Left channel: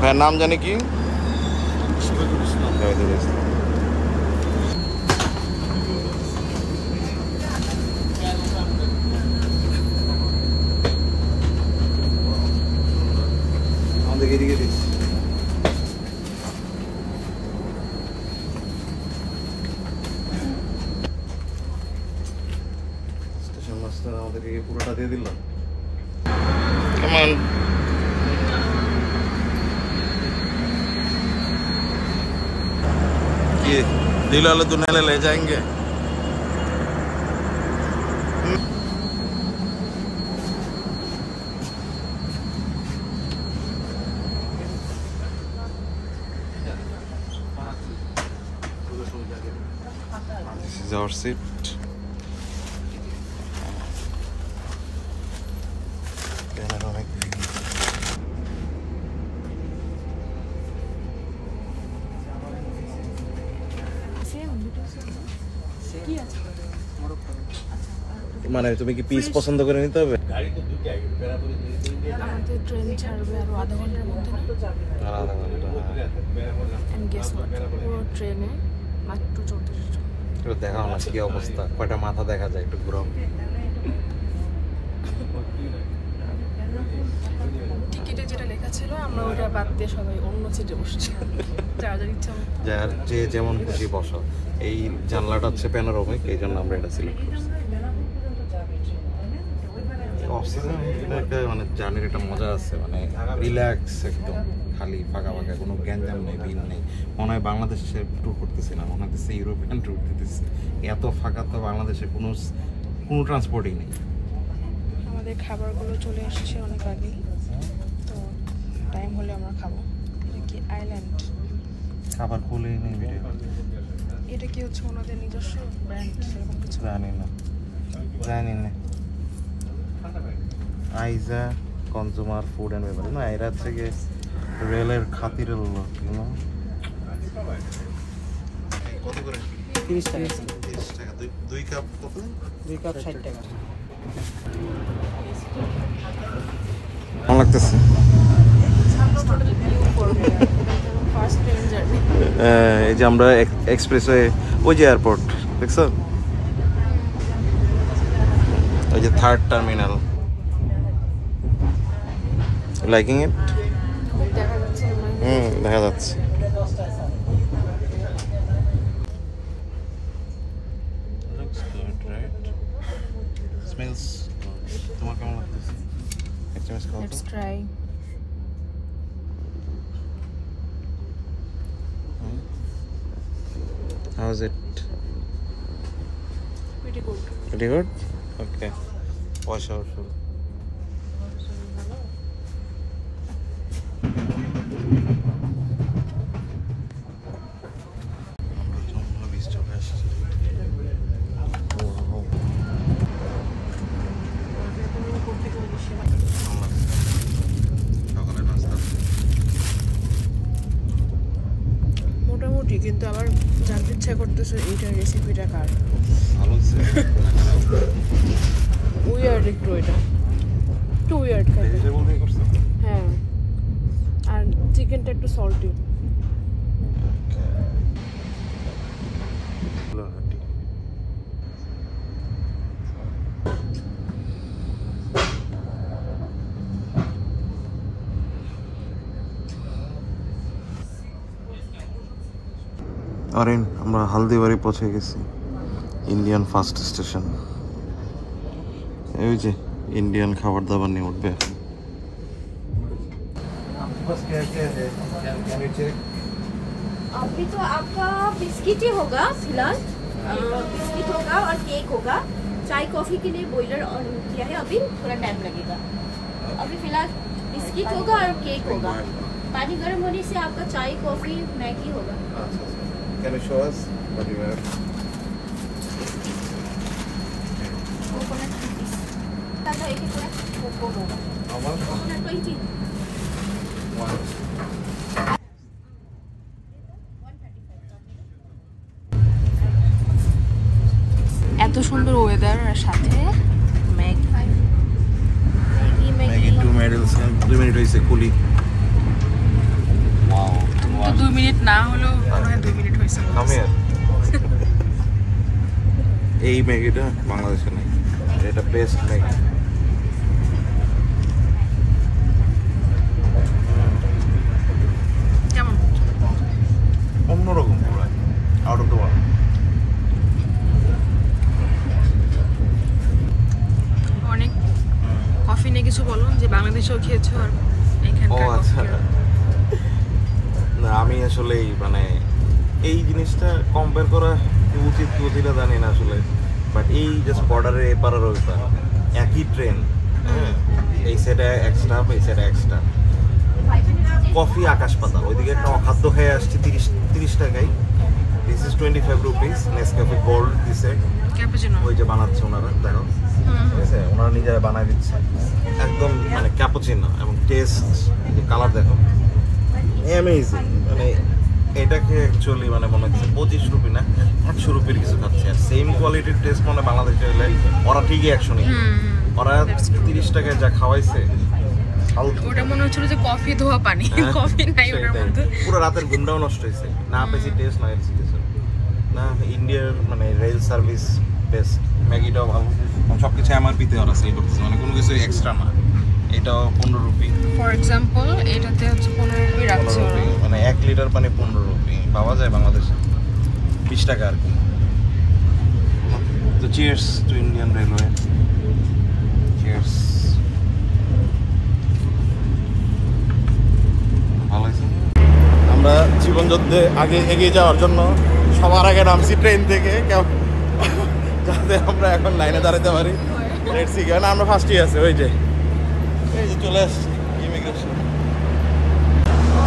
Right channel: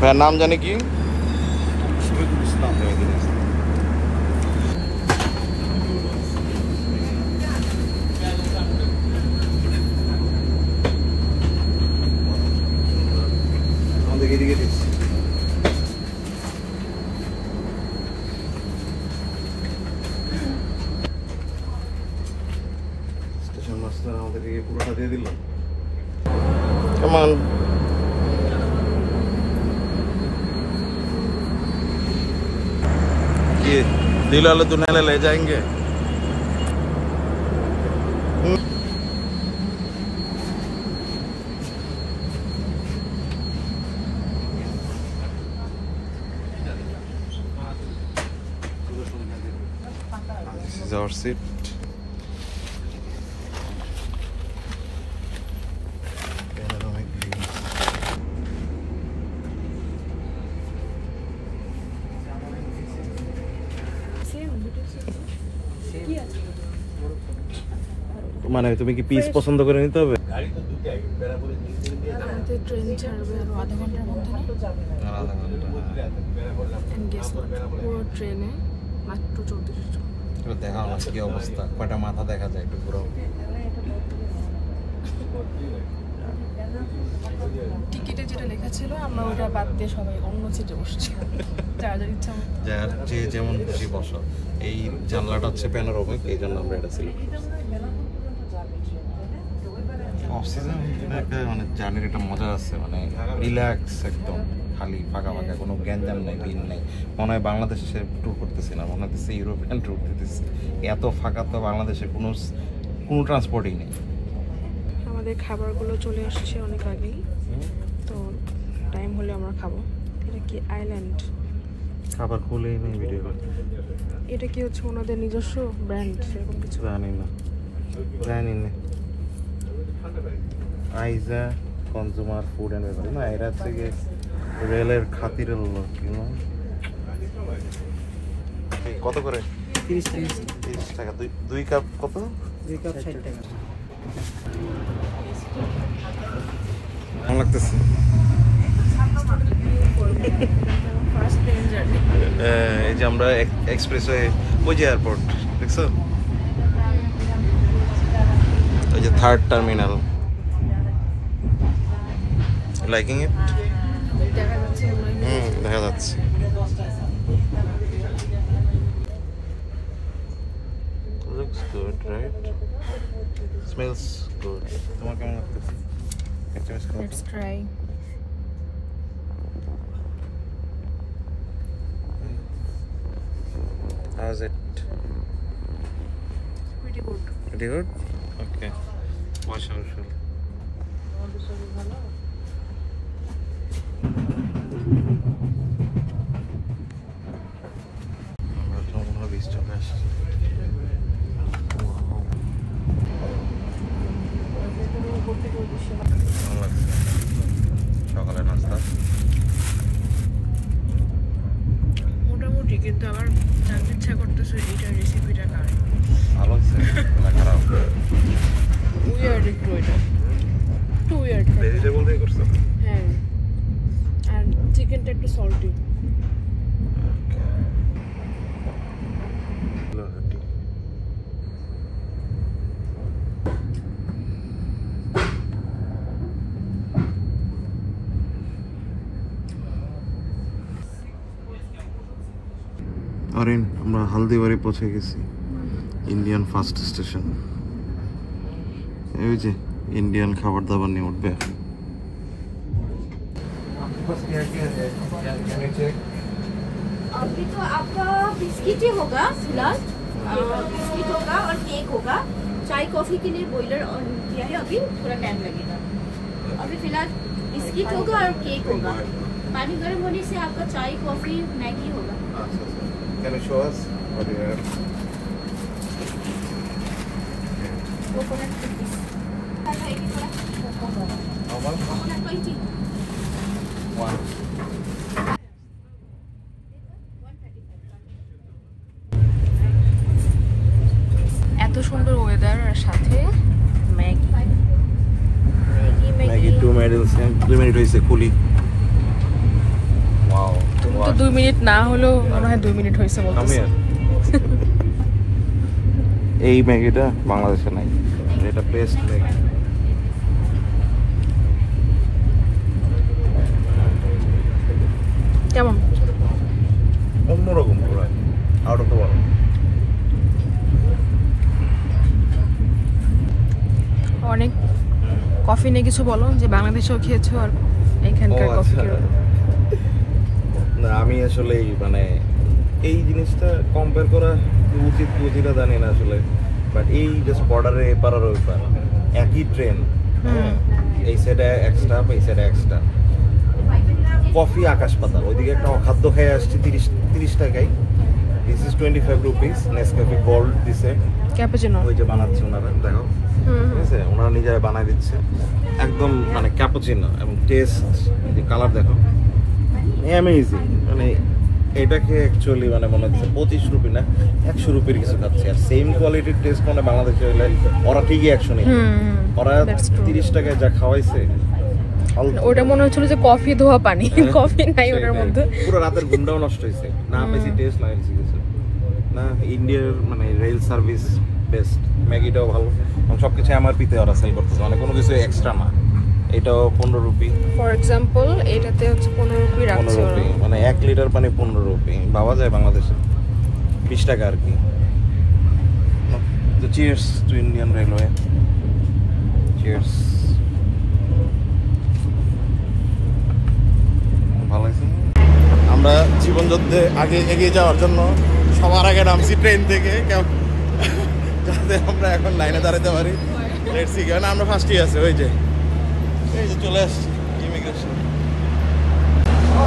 ভাইয়ের নাম জানি কি? শহীদুল ইসলাম। আমাদের এদিকে দিচ্ছি। স্টেশন মাস্টার আমাদেরকে পুরোটা দিয়ে দিল। কেমন ये दिल वाले दुनिया ले जाएंगे। This is our seat. Panoramic view. মানে তুমি কি পিস পছন্দ করে নিতে হবে? আমাদের ট্রেন ছাড়বে আরো আধা ঘন্টার মধ্যে না? আধা ঘন্টা। এন্ড গেস হোয়াট, পুরো ট্রেনে মাত্র 34 জন। একটু দেখাও না কি অবস্থা, কয়টা মাথা দেখা যায়, একটু ঘুরো। টিকিটে যেটা লেখা ছিল আমরা ওটা বাদ দিয়ে সবাই অন্য সিটে বসছি। যাদের ইচ্ছা মতো যে যেমন খুশি বসো। এই জানলাটা হচ্ছে প্যানোরামিক, এই জন্য আমরা এটা সিলেক্ট করছি। অফ সিজন মানে জার্নির একটা মজা আছে, মানে রিল্যাক্স একদম, খালি ফাঁকা ফাঁকা, কোনো গ্যাঞ্জাম নেই, ভিড় নেই। মনে হয় বাংলাদেশে ট্যুর করতেছি না, মনে হচ্ছে ইউরোপিয়ান ট্যুর দিতেছি। এত ফাঁকা তো বাংলাদেশে কোনো ট্রান্সপোর্টই নেই। আমাদের খাবারগুলো চলে এসেছে অনেক আগেই, তো টাইম হলে আমরা খাবো। এটা কি আইল্যান্ড? খাবার খুলেই নেই ভিডিও। এটা কি হচ্ছে ওনাদের নিজস্ব ব্র্যান্ড সেরকম কিছু? জানি না। আইজা কনজিউমার ফুড অ্যান্ড বেভারেজ না, এরা হচ্ছে গিয়ে রেলের খাতিরের লোক। কত করে? 30 টাকা। 30 টাকা। দুই কাপ কত? 2 কাপ 60 টাকা। কেমন লাগতেছে? এই যে আমরা এক্সপ্রেসওয়ে, ওই যে এয়ারপোর্ট দেখছো, ওই যে 3rd টার্মিনাল। লাইকিং ইট? দেখা যাচ্ছে। Looks good, right? Smells good. তোমার কেমন লাগতেছে? Let's try. How's it? Pretty good. Pretty good? Okay. Wash our food. আমরা যমুনা বিচ চলে আসি। সকালে নাস্তা মোটামুটি, কিন্তু আমার জানতে ইচ্ছা করতেছে এইটার রেসিপিটা কার। ভালো হচ্ছে না খারাপ? উইয়ার্ড একটু, এটা একটু উইয়ার্ড। ভেজিটেবল দিয়ে করছো? হ্যাঁ, আর চিকেনটা একটু সল্টি। আরে আমরা হালদিবাড়ি পৌঁছে গেছি, ইন্ডিয়ান ফার্স্ট স্টেশন। এই যে ইন্ডিয়ান খাবার দাবার নিয়ে উঠবে এখন। अभी तो आपका बिस्किट ही होगा फिलहाल, बिस्किट होगा और केक होगा। चाय कॉफी के लिए बॉयलर ऑन किया है, अभी थोड़ा टाइम लगेगा। अभी फिलहाल बिस्किट होगा और केक होगा। पानी गर्म होने से आपका चाय कॉफी मैगी होगा। Can you show us what you have? Coconut cookies How much? Coconut 20। One. এত সুন্দর ওয়েদার আর সাথে Maggi. Maggie 2 medals. 2 medals is cool. 2 minute না হলেও মনে হয় 2 মিনিট হয়েছে আমি আর এই ম্যাগিটা বাংলাদেশে নাই, এটা বেস্ট ম্যাগি। কেমন? অন্যরকম পুরো, আউট অফ দ্য ওয়ার্ল্ড। অনেক কফি নিয়ে কিছু বলো যে বাংলাদেশেও খেয়েছো আর ও এখানকার আচ্ছা, না আমি আসলে মানে এই জিনিসটা কম্পেয়ার করা উচিত কি উচিতটা জানি না আসলে, বাট এই জাস্ট বর্ডারে এপার আর ওইপার একই ট্রেন, হ্যাঁ এই সাইডে এক্সট্রা এই সাইডে এক্সট্রা, কফি আকাশ পাতাল। ওইদিকে একটা অখাদ্য খেয়ে আসছি 30 টাকায়, this is 25 rupees. Nescafe gold দিছে, ক্যাপুচিনো ওই যে বানাচ্ছে ওনারা, দেখো ঠিক আছে, ওনারা নিজেরা বানাই দিচ্ছে একদম মানে ক্যাপুচিনো, এবং টেস্ট যে কালার দেখো অ্যামেজিং। মানে এটাকে অ্যাকচুয়ালি মানে মনে হচ্ছে 25 রুপি না 100 রুপির কিছু খাচ্ছে, আর সেম কোয়ালিটির টেস্ট মানে বাংলাদেশে হলে ওরা ঠিকই 100 নেই, ওরা 30 টাকায় যা খাওয়াইছে ওটা মনে হচ্ছিল যে কফি ধোয়া পানি, কফি নাই ওটার মধ্যে। পুরো রাতের ঘুমটাও নষ্ট হয়েছে, না বেশি টেস্ট না বেশি কিছু না। ইন্ডিয়ার মানে রেল সার্ভিস বেস্ট, ম্যাগিটাও ভালো, এবং সব কিছু এমআরপিতে ওরা সেল করতেছে, মানে কোনো কিছু এক্সট্রা না। এটাও 15 রুপি ফর এক্সাম্পল, এটাতে হচ্ছে 15 রুপি রাখছে ওরা, মানে 1 লিটার পানি 15 রুপি পাওয়া যায় বাংলাদেশে 20 টাকা আর কি। তো cheers to Indian railway, cheers. ভালো আছে। আমরা জীবন যুদ্ধে আগে এগিয়ে যাওয়ার জন্য সবার আগে নামছি ট্রেন থেকে, যাতে আমরা এখন লাইনে দাঁড়াতে পারি। লেটস সি, কারণ আমরা ফার্স্টই আছি, ওই যে চলে আসছি ইমিগ্রেশন।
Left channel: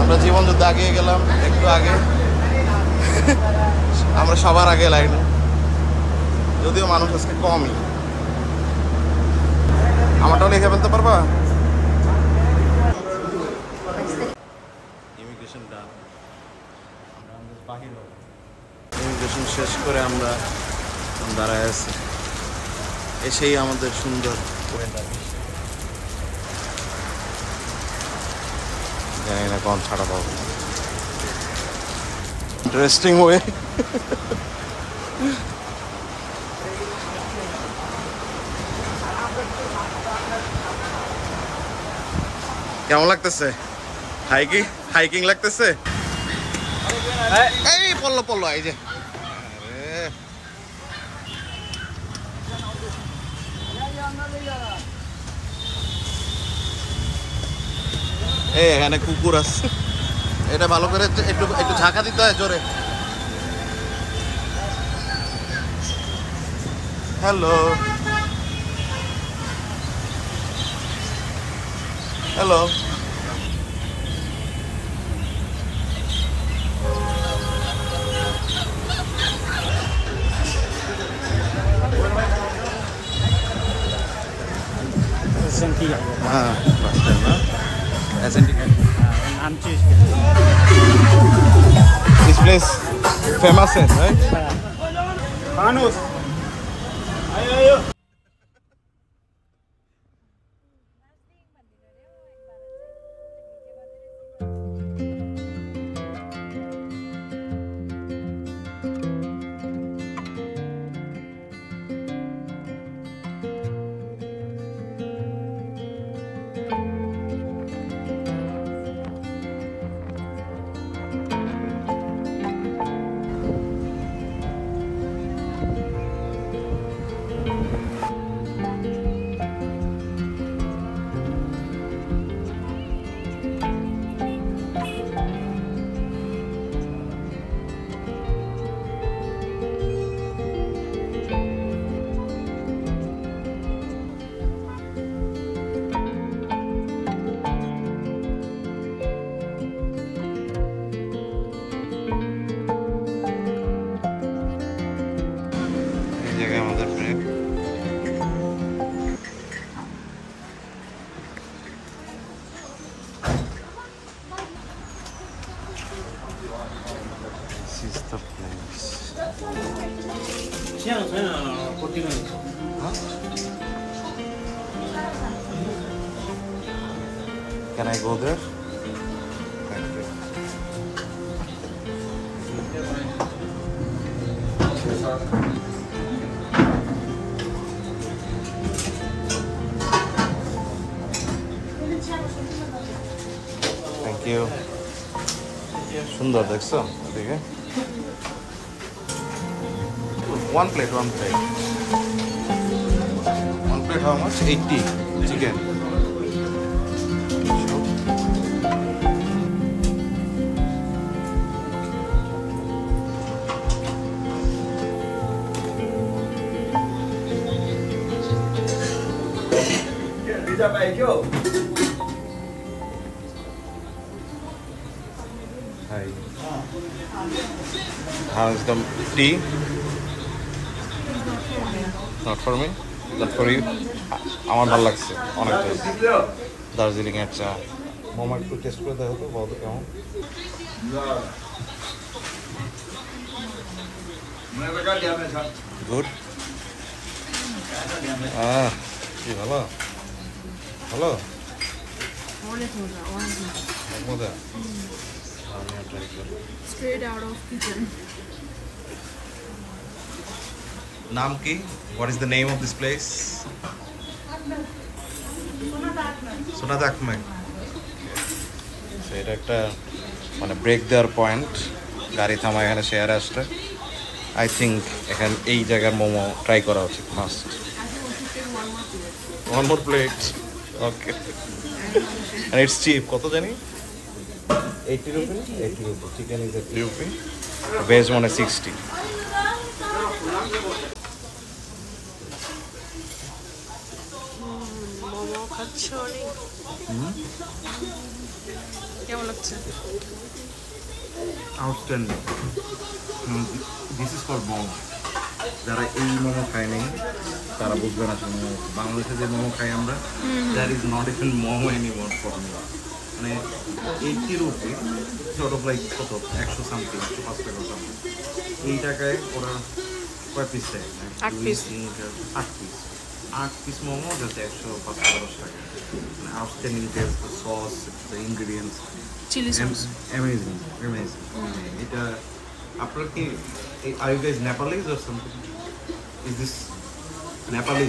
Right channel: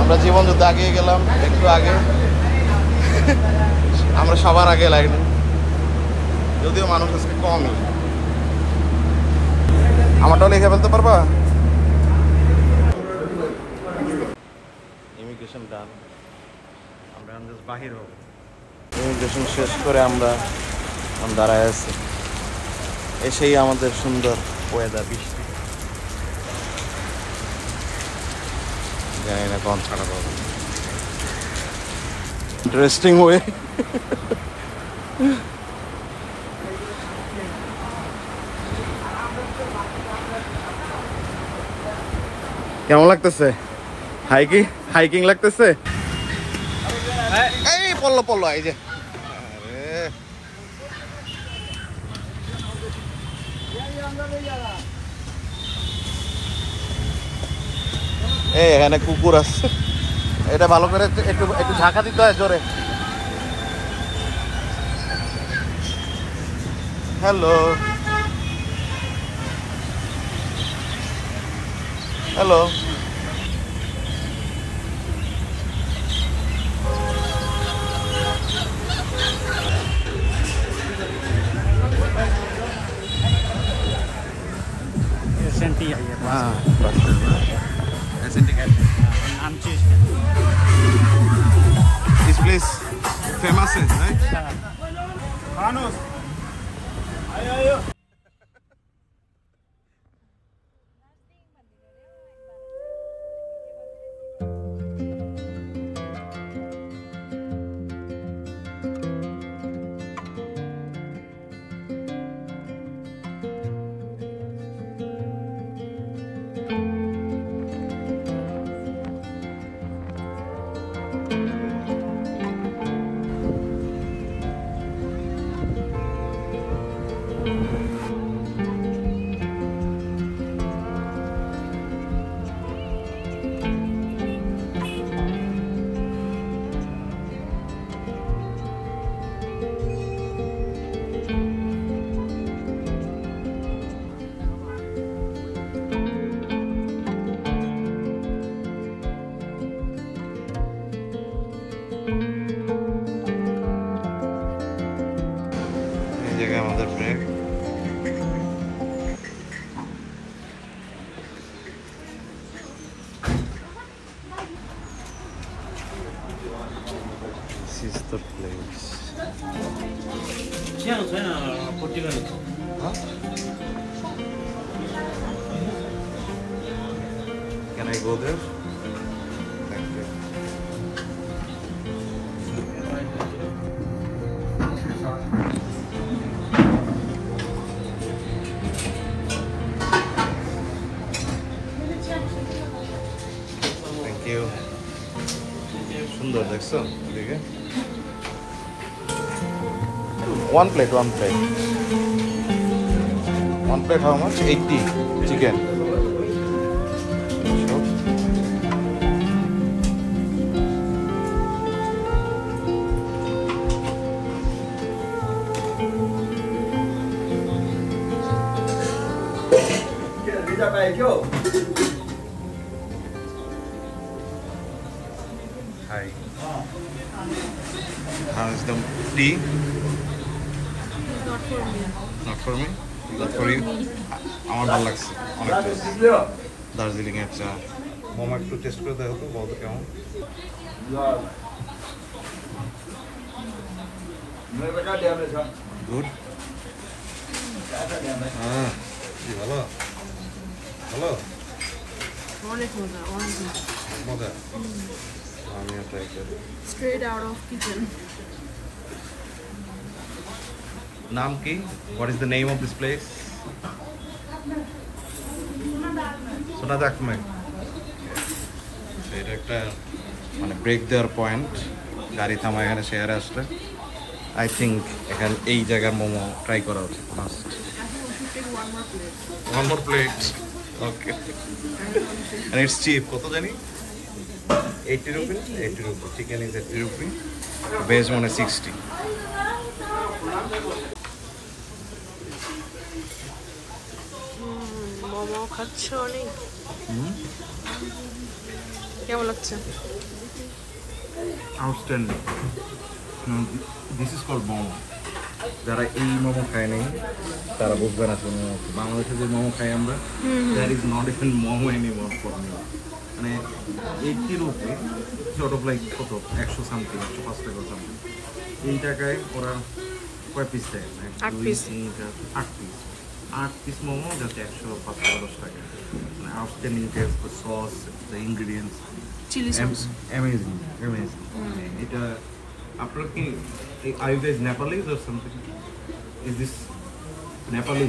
আমরা জীবন যুদ্ধে আগে গেলাম একটু আগে, আমরা সবার আগে লাইনে, যদিও মানুষ আজকে কমই। আমারটাও লিখে ফেলতে পারবা? ইমিগ্রেশন ডান, আমরা বাহির হব। ইমিগ্রেশন শেষ করে আমরা দাঁড়ায় আছি, এসেই আমাদের সুন্দর ওয়েদার, বৃষ্টি, জানি না কখন ছাড়া পাবো। Interesting way. কেমন লাগতেছে? হাইকিং লাগতেছে? এই পড়লো এই যে, এই এখানে কুকুর আছে, এটা ভালো করে একটু ঝাঁকা দিতে হয় জোরে। হ্যালো হ্যালো, हाँ बस स्टैंड ना एसएनटी का दिस प्लेस फेमस है राइट? मानुस आयो আমাদের break. This is the place. Huh? Can I go there? Thank you. সুন্দর দেখছো দেখে। One plate. One plate how much? 80 chicken. Hi. How is the tea? Not for me? Not for you? আমার ভালো লাগছে অনেক টেস্ট। দার্জিলিং এর চা। মোমো একটু টেস্ট করে দেখো তো বলতো কেমন। গুড। ভালো ভালো অনেক মজা, অনেক মজা। আমি ট্রাই করি। Straight out of kitchen. নাম কি? What is the name of this place? সোনাদা আকমেক। এটা একটা মানে ব্রেক দেওয়ার পয়েন্ট, গাড়ি থামা এখানে শেয়ারে আসলে আই থিঙ্ক এখানে এই জায়গার মোমো ট্রাই করা উচিত। Must. One more plate. Okay. And it's cheap. কত জানি? 80 rupees? 80 rupees. Chicken is 80 rupees. Veg one is 60. Momo খাচ্ছ অনেক, কেমন লাগছে? Outstanding. This is called momo. যারা এই মোমো খায় নাই তারা বুঝবে না শুনে। বাংলাদেশে যে মোমো খাই আমরা, that is not even momo anymore for me. মানে 80 রুপি সর্ট অফ লাইক কত 100 সামথিং, 105 টাকা সামথিং। এই টাকায় ওরা কয় পিস দেয়? 8 পিস। 8 পিস মোমো জাস্ট 105 টাকা 10 টাকা। মানে outstanding taste, the sauce, the ingredients, chilli sauce amazing amazing. এটা আপনার কি are you guys Nepalese or something? Is this Nepali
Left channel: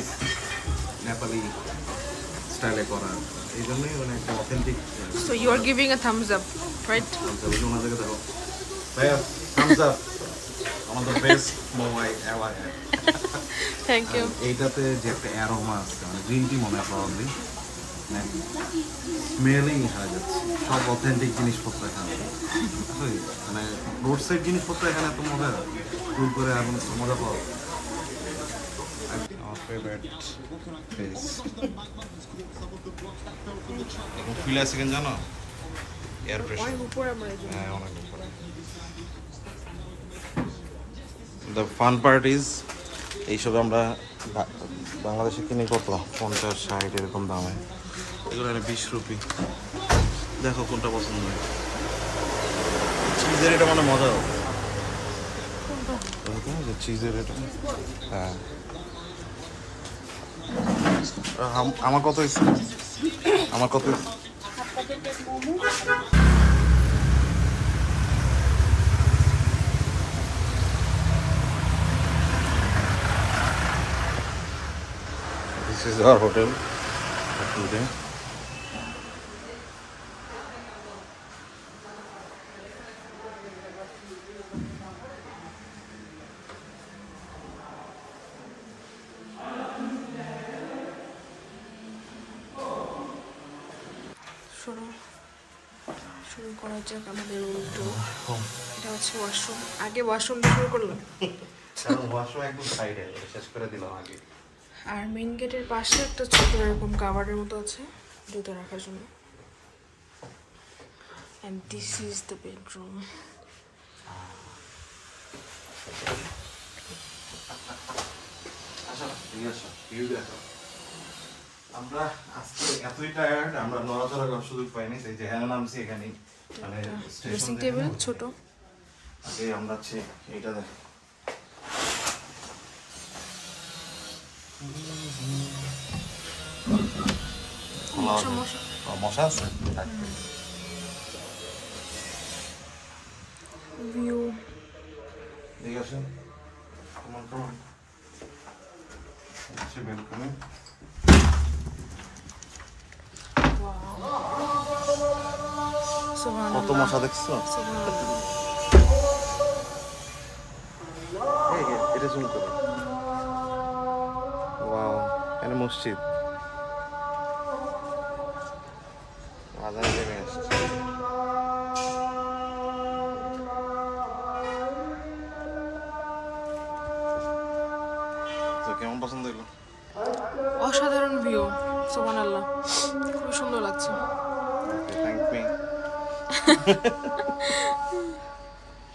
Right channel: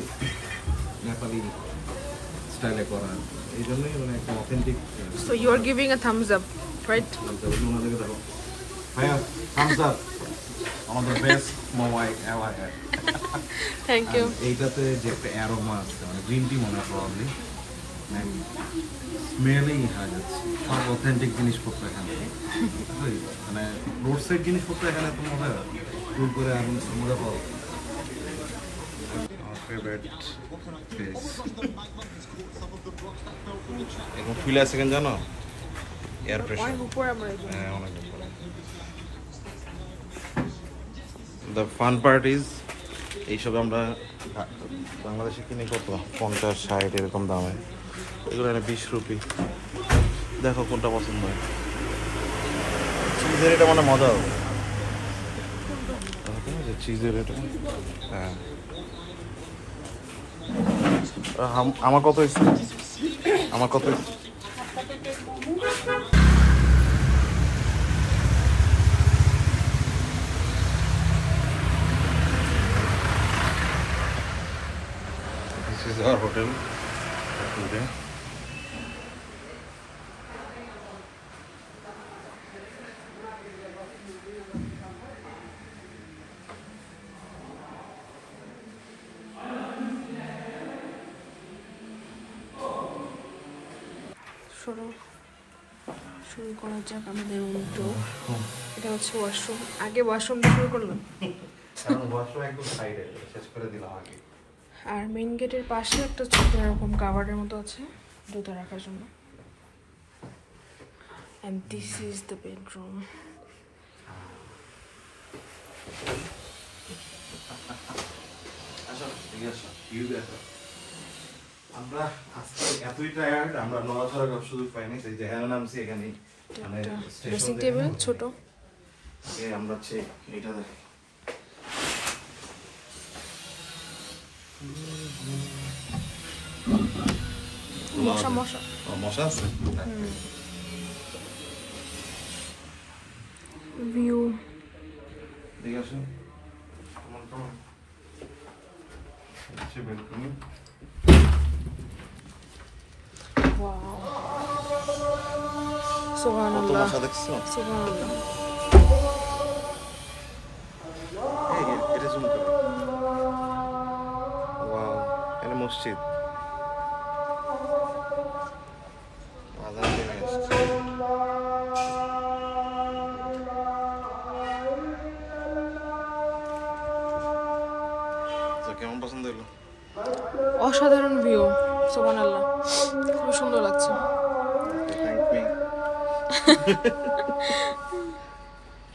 স্টাইলে করা, এই জন্যই মানে একটা authentic. So you are giving a thumbs up, right? ওনাদেরকে দেখো ভাইয়া, থামস আপ, আমাদের best momo ever. Thank you. এইটাতে যে একটা অ্যারোমা আছে, মানে গ্রিন টি মনে হয় প্রবাবলি, স্মেলেই হারা যাচ্ছে। সব অথেন্টিক জিনিসপত্র এখানে, মানে রোড সাইড জিনিসপত্র এখানে এত মজা, ট্যুর করে আর মজা পাওয়া। এখন ফিল আছে কেন জানো? এয়ার প্রেশার অনেক উপরে আমরা এই জন্য। হ্যাঁ, অনেক উপরে। দ্য ফান পার্ট ইজ এইসব আমরা বাংলাদেশে কিনে কত 50-60 এরকম দামে, এগুলো 20 রুপি। দেখো কোনটা পছন্দ হয়। চিজের এটা মানে মজা হবে, চিজের এটা। হ্যাঁ, আমার কত হয়েছে? আমার কত? This is our hotel for today. শুরু করা যাক আমাদের রুম টুর। এটা হচ্ছে ওয়াশরুম। আগে ওয়াশরুম শুরু করলাম, আর মেইন গেটের পাশে একটা ছোট এরকম কাভার্ডের মতো আছে জুতো রাখার জন্য। And this is the bedroom. আমরা আজকে এতই টায়ার্ড, আমরা নড়াচড়া করার সুযোগ পাইনি। সেই যে হ্যাঁ নামছি এখানে, মানে ড্রেসিং টেবিল ছোট। আগে আমরা হচ্ছে এইটা দেখ, মশা মশা মশা আছে। ভিউ ঠিক আছে, তোমার তো হচ্ছে বেলকনি। Wow. সুবহানাল্লাহ মশা দেখছো? সুবহানাল্লাহ। এই যে, এটা zoom করো। Wow, এখানে মসজিদ। আজান নেমে আসছে। তো কেমন পছন্দ হলো? অসাধারণ ভিউ, সুবহানাল্লাহ, খুব সুন্দর লাগছে। Thank me.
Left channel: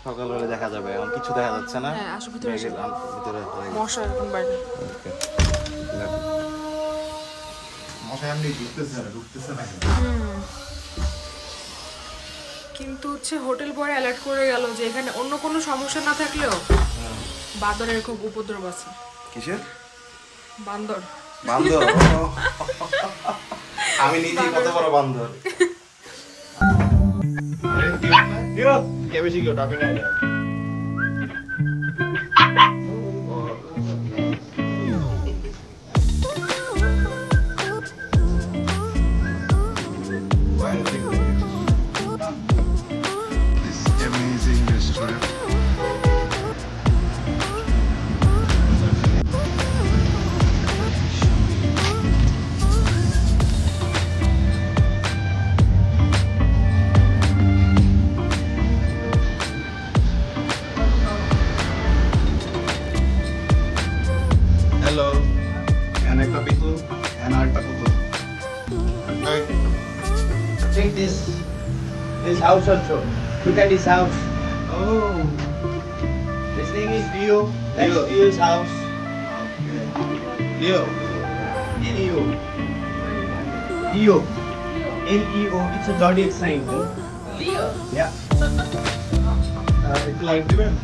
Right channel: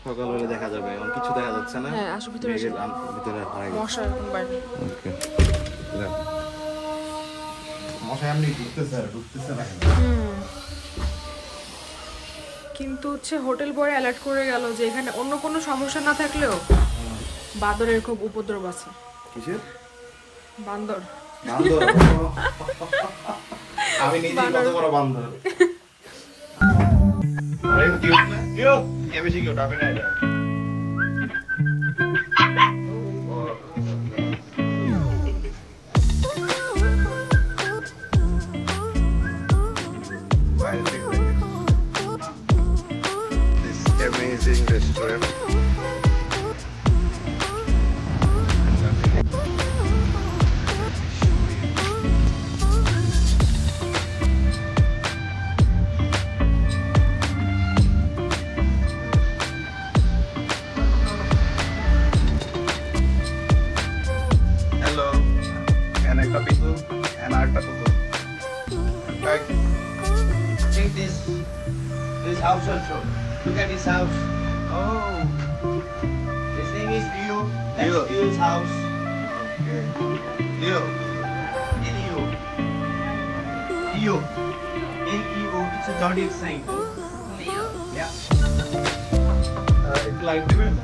সকালবেলা দেখা যাবে, এখন কিছু দেখা যাচ্ছে না। হ্যাঁ, আসো ভিতরে এসো। ভিতরে হয় মশা এখন বাইরে। ওকে। মশা এমনি ঢুকতেছে আর ঢুকতেছে না। কিন্তু হচ্ছে হোটেল বয় অ্যালার্ট করে গেল যে এখানে অন্য কোনো সমস্যা না থাকলেও বান্দরের খুব উপদ্রব আছে। কিসের? বান্দর। বান্দর। আমি নিজে কত বড় বান্দর। Amazing restaurant. Hello. And একটা পিতু and আরেকটা পুতুল। Take this house also. Look at this house. Oh. This name is Leo. That's Leo. Leo's house. Leo. Leo. Leo. L-E-O. It's a zodiac sign. Leo. Yeah. It's like different.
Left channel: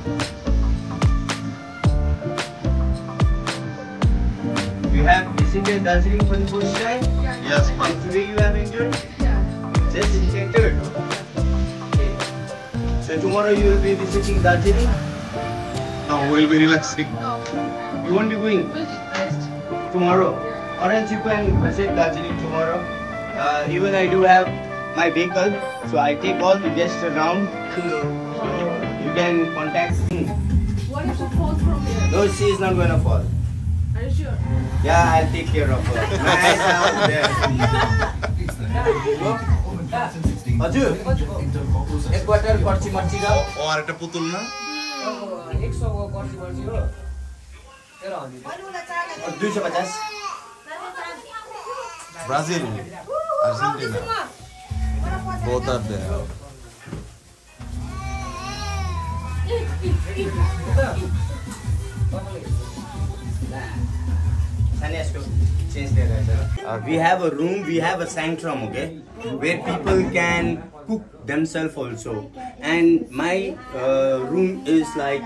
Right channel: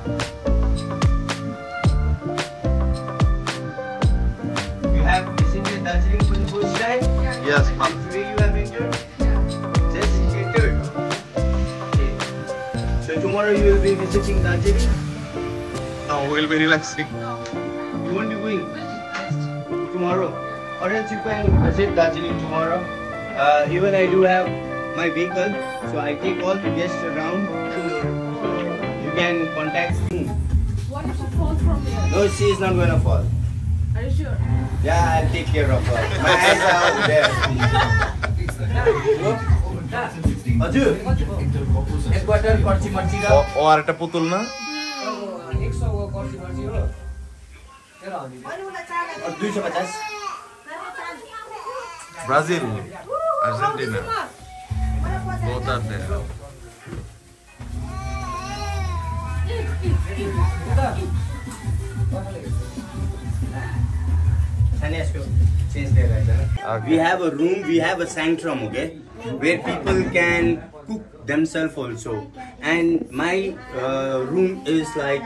You have visited Darjeeling for the first time? Yes, And today you have enjoyed? Just enjoyed. Okay. So tomorrow you will be visiting Darjeeling? Now we'll be relaxing. You won't be going tomorrow. Or else you can visit Darjeeling tomorrow. Even I do have my vehicle, so I take all the guests around. You can contact me. What if it falls from here? No, she is not going to fall. Are you sure? Yeah, I'll take care of her. My eyes are out there. Ajur, एक bottle पर्ची मर्ची का ও আর একটা পুতুল না? 100 को पर्ची मर्ची हो और 250 Brazil, Argentina. Both are there. We have a room, we have a sanctum, okay, where people can cook themselves also. And my room is like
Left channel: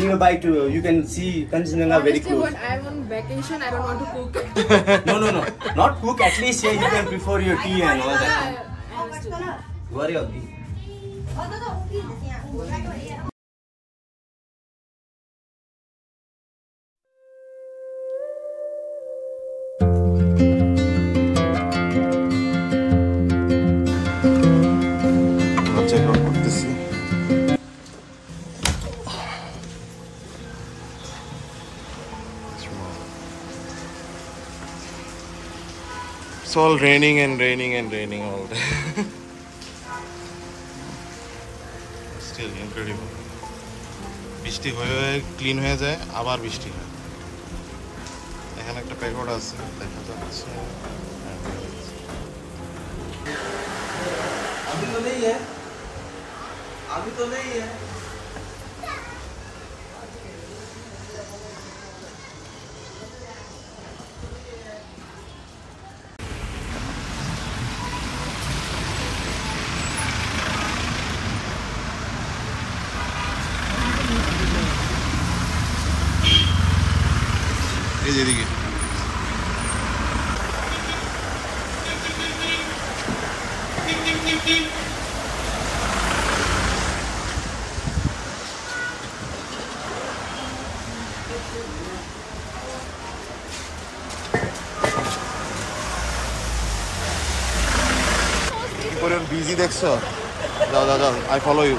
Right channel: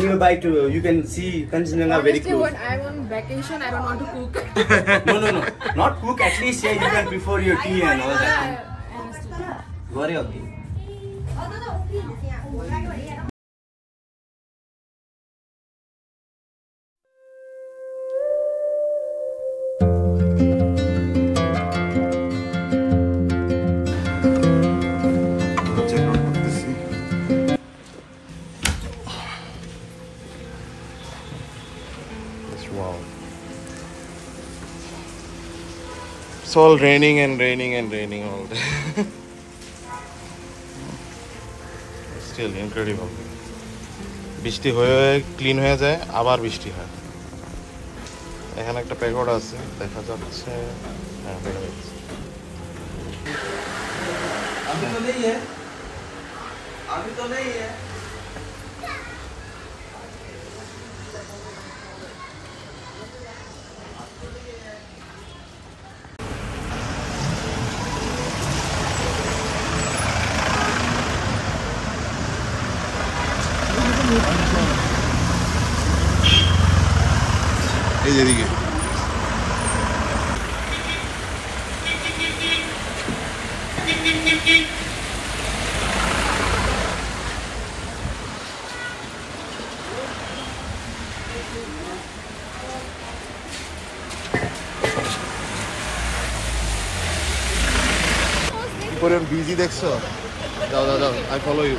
nearby to, you can see Kanchenjunga very Honestly, close. when I'm on vacation, I don't want to cook. No, not cook, at least yeah, you can prefer your tea and all that. Worry okay. Check out করতেছি। Wow. It's all raining and raining and raining all day. Still incredible. বৃষ্টি হয়ে clean হয়ে যায়, আবার বৃষ্টি হয়। এখানে একটা প্যাগোডা আছে, দেখা যাচ্ছে। হ্যাঁ, দেখা যাচ্ছে। अभी तो नहीं है, अभी तो नहीं है। এই যে এদিকে। পরিমাণ বিজি দেখছো? যাও যাও যাও, আই ফলো ইউ।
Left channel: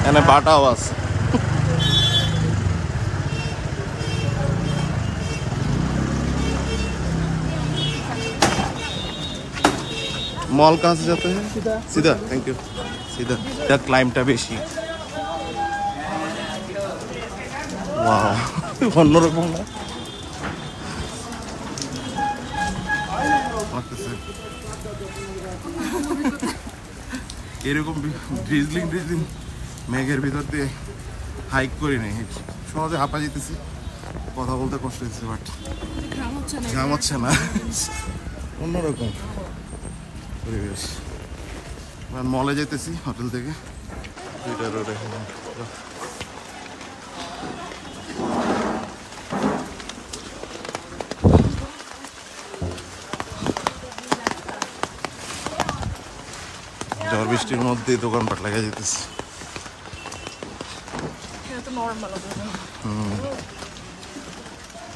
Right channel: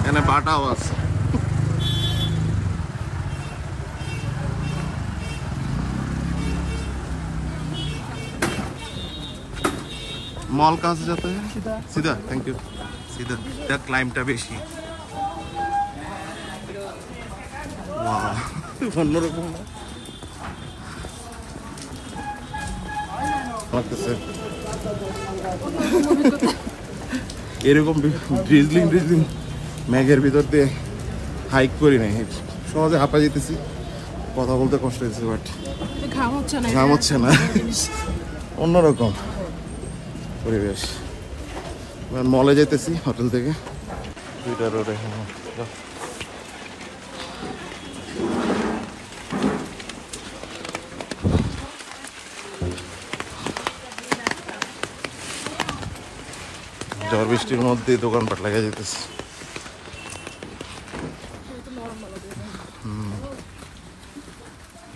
এখানে বাটাও আছে। मॉल कहाँ से जाते हैं? सीधा। Thank you. सीधा। क्या क्लाइंबটা বেশি। वाओ, অন্যরকম না? লাগতেছে। এরকম ড্রিজলিং ম্যাগের ভিতর দিয়ে হাইক করি নাই, সহজে হাঁপা যেতেছি, কথা বলতে কষ্ট হচ্ছে, বাট ঘাম হচ্ছে না, অন্যরকম পরিবেশ। মলে যেতেছি হোটেল থেকে। ঝড় বৃষ্টির মধ্যে দোকানপাট লাগা যেতেছে।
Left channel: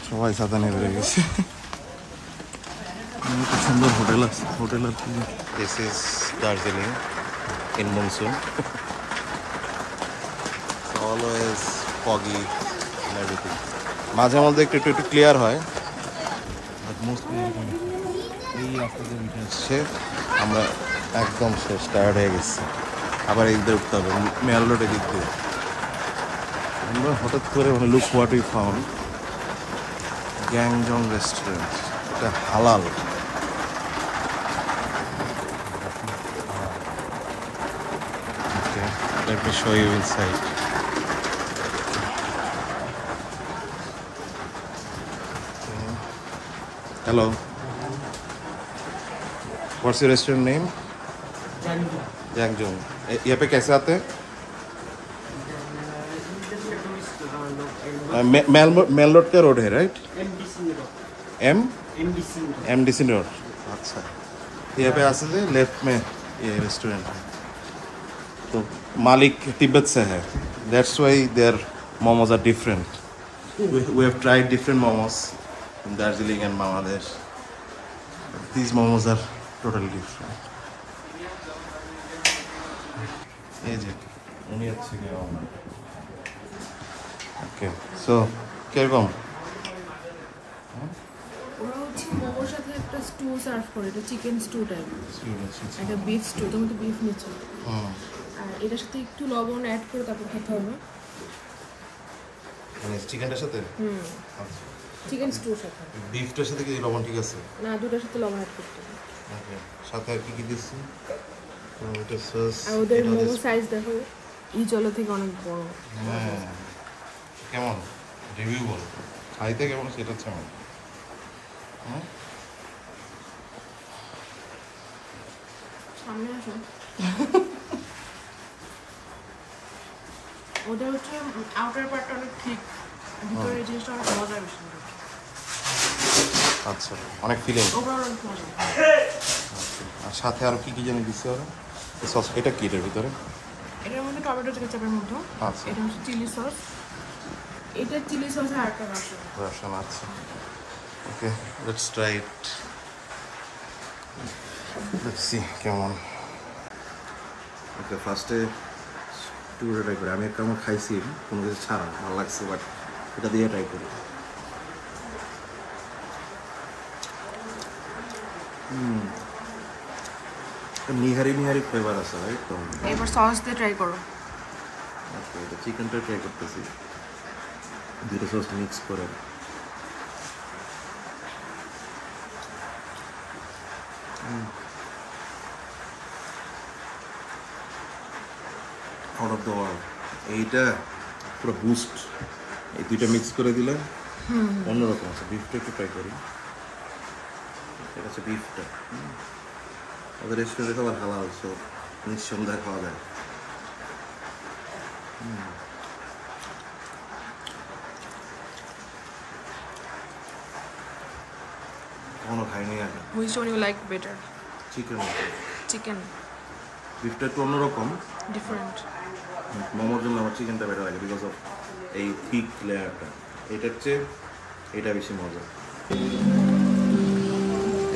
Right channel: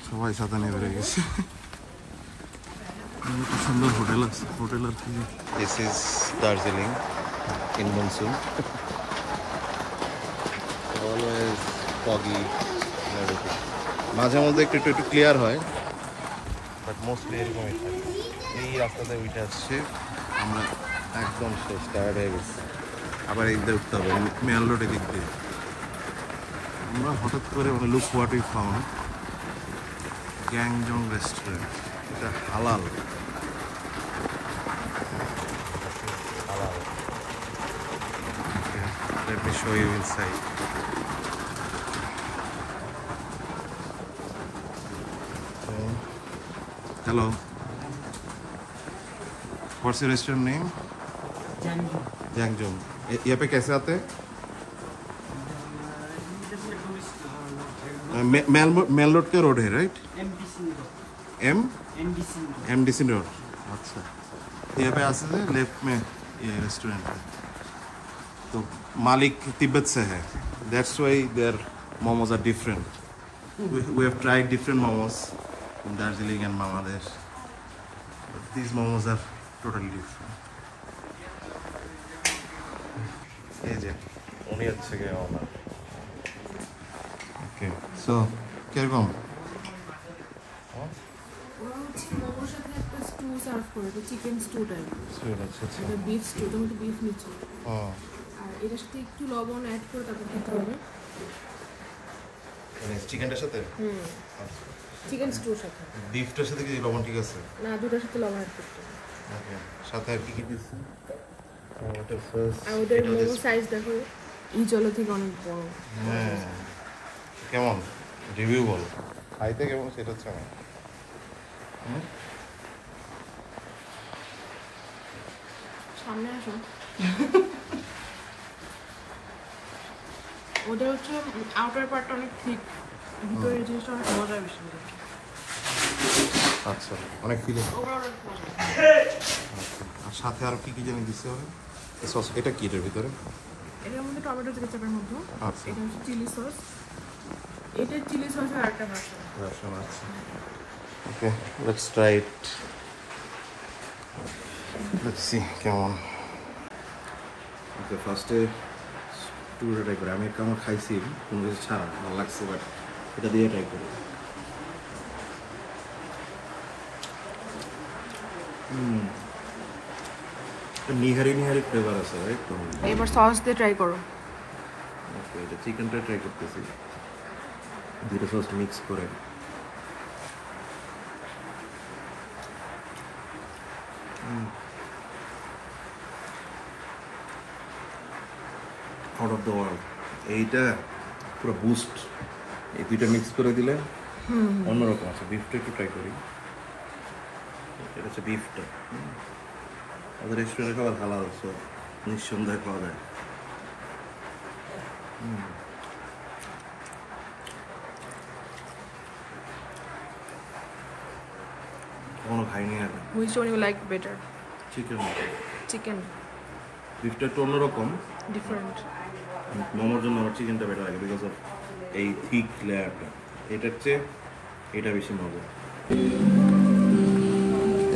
সবাই ছাতা নিয়ে বেড়ে গেছে। সুন্দর হোটেল আছে, হোটেল আর কি। This is Darjeeling in monsoon. Always foggy and everything. মাঝে মধ্যে একটু ক্লিয়ার হয়, বাট মোস্টলি এরকম। এই রাস্তাতে উঠে আসছে, আমরা একদম শেষ, টায়ার্ড হয়ে গেছি। আবার এদিকে উঠতে হবে, মেল রোড এদিক দিয়ে। আমরা হঠাৎ করে লুক হোয়াট উই ফাউন্ড, গ্যাংজং রেস্টুরেন্ট। এটা হালাল। Let me show you inside. Okay. Hello. What's your restaurant name? Jangjong. यहाँ पे कैसे आते हैं? मेल रोड का रोड है, राइट? MDC road. अच्छा, यहाँ पे आते थे लेफ्ट में ये रेस्टोरेंट है। तो मालिक तिब्बत से है, that's why their momos are different. We have tried different momos in Darjeeling and Bangladesh. These momos are totally different. এই যে উনি হচ্ছে কি ওনার। ওকে, সো কিরকম? ওরা হচ্ছে মোমোর সাথে একটা স্টু সার্ভ করে, এটা চিকেন স্টু টাইপ, এটা বিফ স্টু। তুমি তো বিফ নিচ্ছ, আর এটার সাথে একটু লবণ অ্যাড করে তারপর খেতে হবে। মানে চিকেনটার সাথে? চিকেন স্টুর সাথে। বিফটার সাথে কি লবণ ঠিক আছে? না, দুটোর সাথে লবণ অ্যাড করতে হবে। ওকে, সাথে আর কি কি দিচ্ছি? এটা সস। আর ওদের মোমো সাইজ দেখো, এই জলের থেকে অনেক বড়। হ্যাঁ, কেমন রিভিউ বল, খাইতে কেমন সেটা হচ্ছে আমার। সামনে আসো। ওটা হচ্ছে আউটার পার্টটা অনেক ঠিক, ভিতরের জিনিসটা অনেক মজা বেশি। আচ্ছা, অনেক ফিলিং। ওভারঅল অনেক মজা। আচ্ছা, আর সাথে আর কি কি জানি দিচ্ছে ওরা? সস এটা কি এর ভিতরে? এটার মধ্যে টমেটো কেচাপের মতো। আচ্ছা, এটা হচ্ছে চিলি সস। এটা চিলি সসের আরেকটা ভার্সন। আচ্ছা, okay, let's try it. Let's see কেমন। ওকে, ফার্স্টে টুরে ট্রাই করি। আমি একটা আমার খাইছি কোনো কিছু ছাড়া, ভালো লাগছে, বাট এটা দিয়ে ট্রাই করি। নিহারি ফ্লেভার আছে, রাইট? এবার সস দিয়ে ট্রাই করো। ওকে, এটা চিকেনটা ট্রাই করতেছি, দুটো সস মিক্স করে। Out of the world. এইটা পুরো বুস্ট, এই দুইটা মিক্স করে দিলে অন্যরকম আছে। বিফটা একটু ট্রাই করি। এটা হচ্ছে বিফটা। ওদের রেস্টুরেন্টে খাবার হালাল, সো নিঃসন্দেহে খাওয়া যায়। কখনো খাইনি আগে। Which one you like better? Chicken. Chicken. বিফটা একটু অন্যরকম, Different. মোমোর জন্য আমার চিকেনটা বেটার লাগে বিকজ অফ এই থিক লেয়ারটা। এটা হচ্ছে এটা বেশি মজা।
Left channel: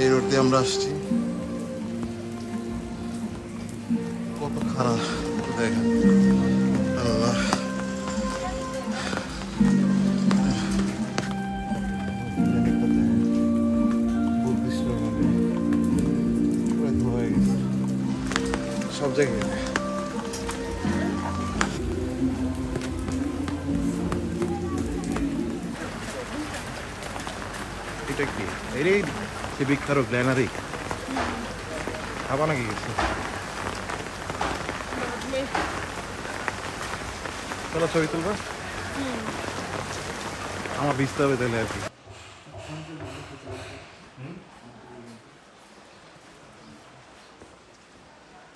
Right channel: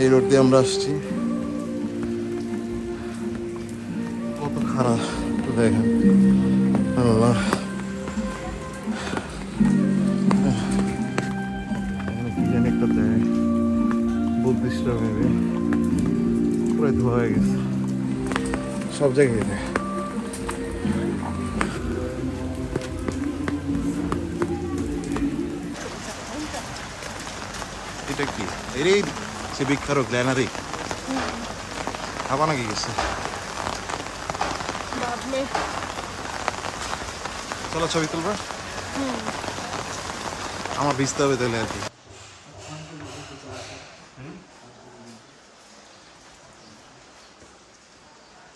এই রোড দিয়ে আমরা আসছি, কত খারাপ দেখেন। আল্লাহ, বুদ্ধিস্টরা ভেবে পুরো ধোয়া হয়ে গেছে সব জায়গায়। এটা কি এই সে বিখ্যাত গ্ল্যানারি খাবা নাকি গেছে? চলো ছবি তুলবা, আমার ভিজতে হবে তাহলে আর কি।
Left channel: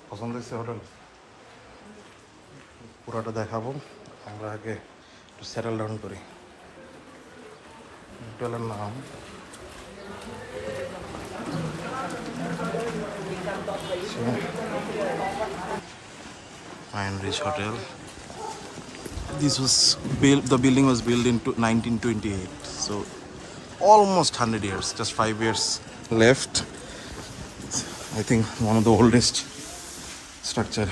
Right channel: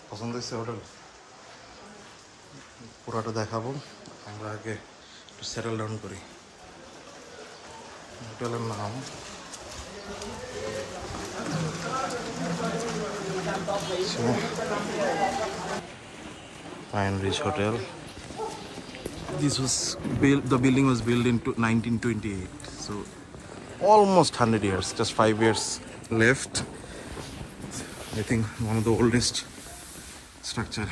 পছন্দ হচ্ছে হোটেল? পুরোটা দেখাবো, আমরা আগে একটু সেটেল ডাউন করি। হোটেলের নাম Pine Ridge Hotel. This was built, the building was built in 1928, so almost 100 years, just 5 years left. I think one of the oldest structure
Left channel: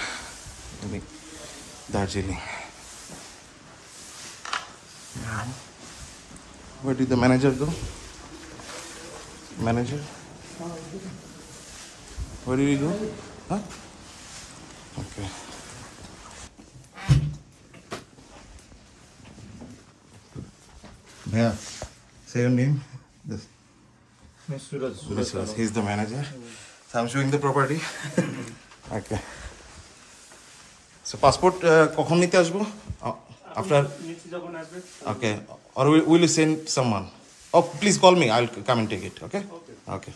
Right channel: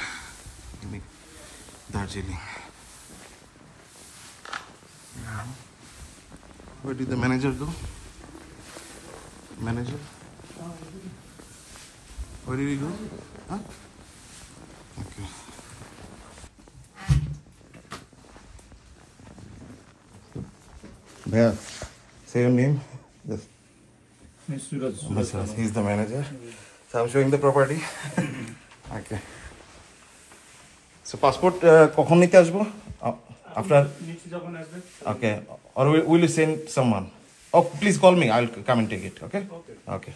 in Darjeeling. Yeah. Where did the manager go? Manager? Where did he go? Huh? Okay. Bhaiya, say your name. Yes. Suraj. He's the manager. So I'm showing the property. Okay. So passport কখন নিতে আসবো? After. Okay. Or will you send someone? Oh, please call me. I'll come and take it. Okay. Okay.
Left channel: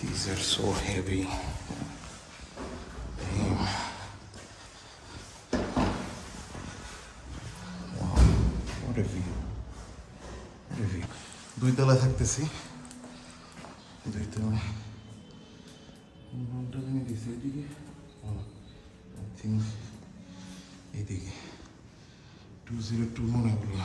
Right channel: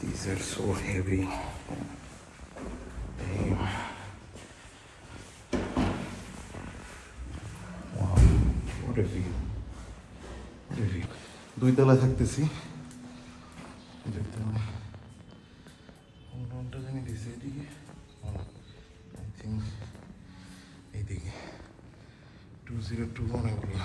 These are so heavy. Wow, what a view. What a view. দুই তলা থাকতেছি, দুই তলা কোনটা জানি দিছে এদিকে, আই থিঙ্ক এইদিকে 202 মনে হলো।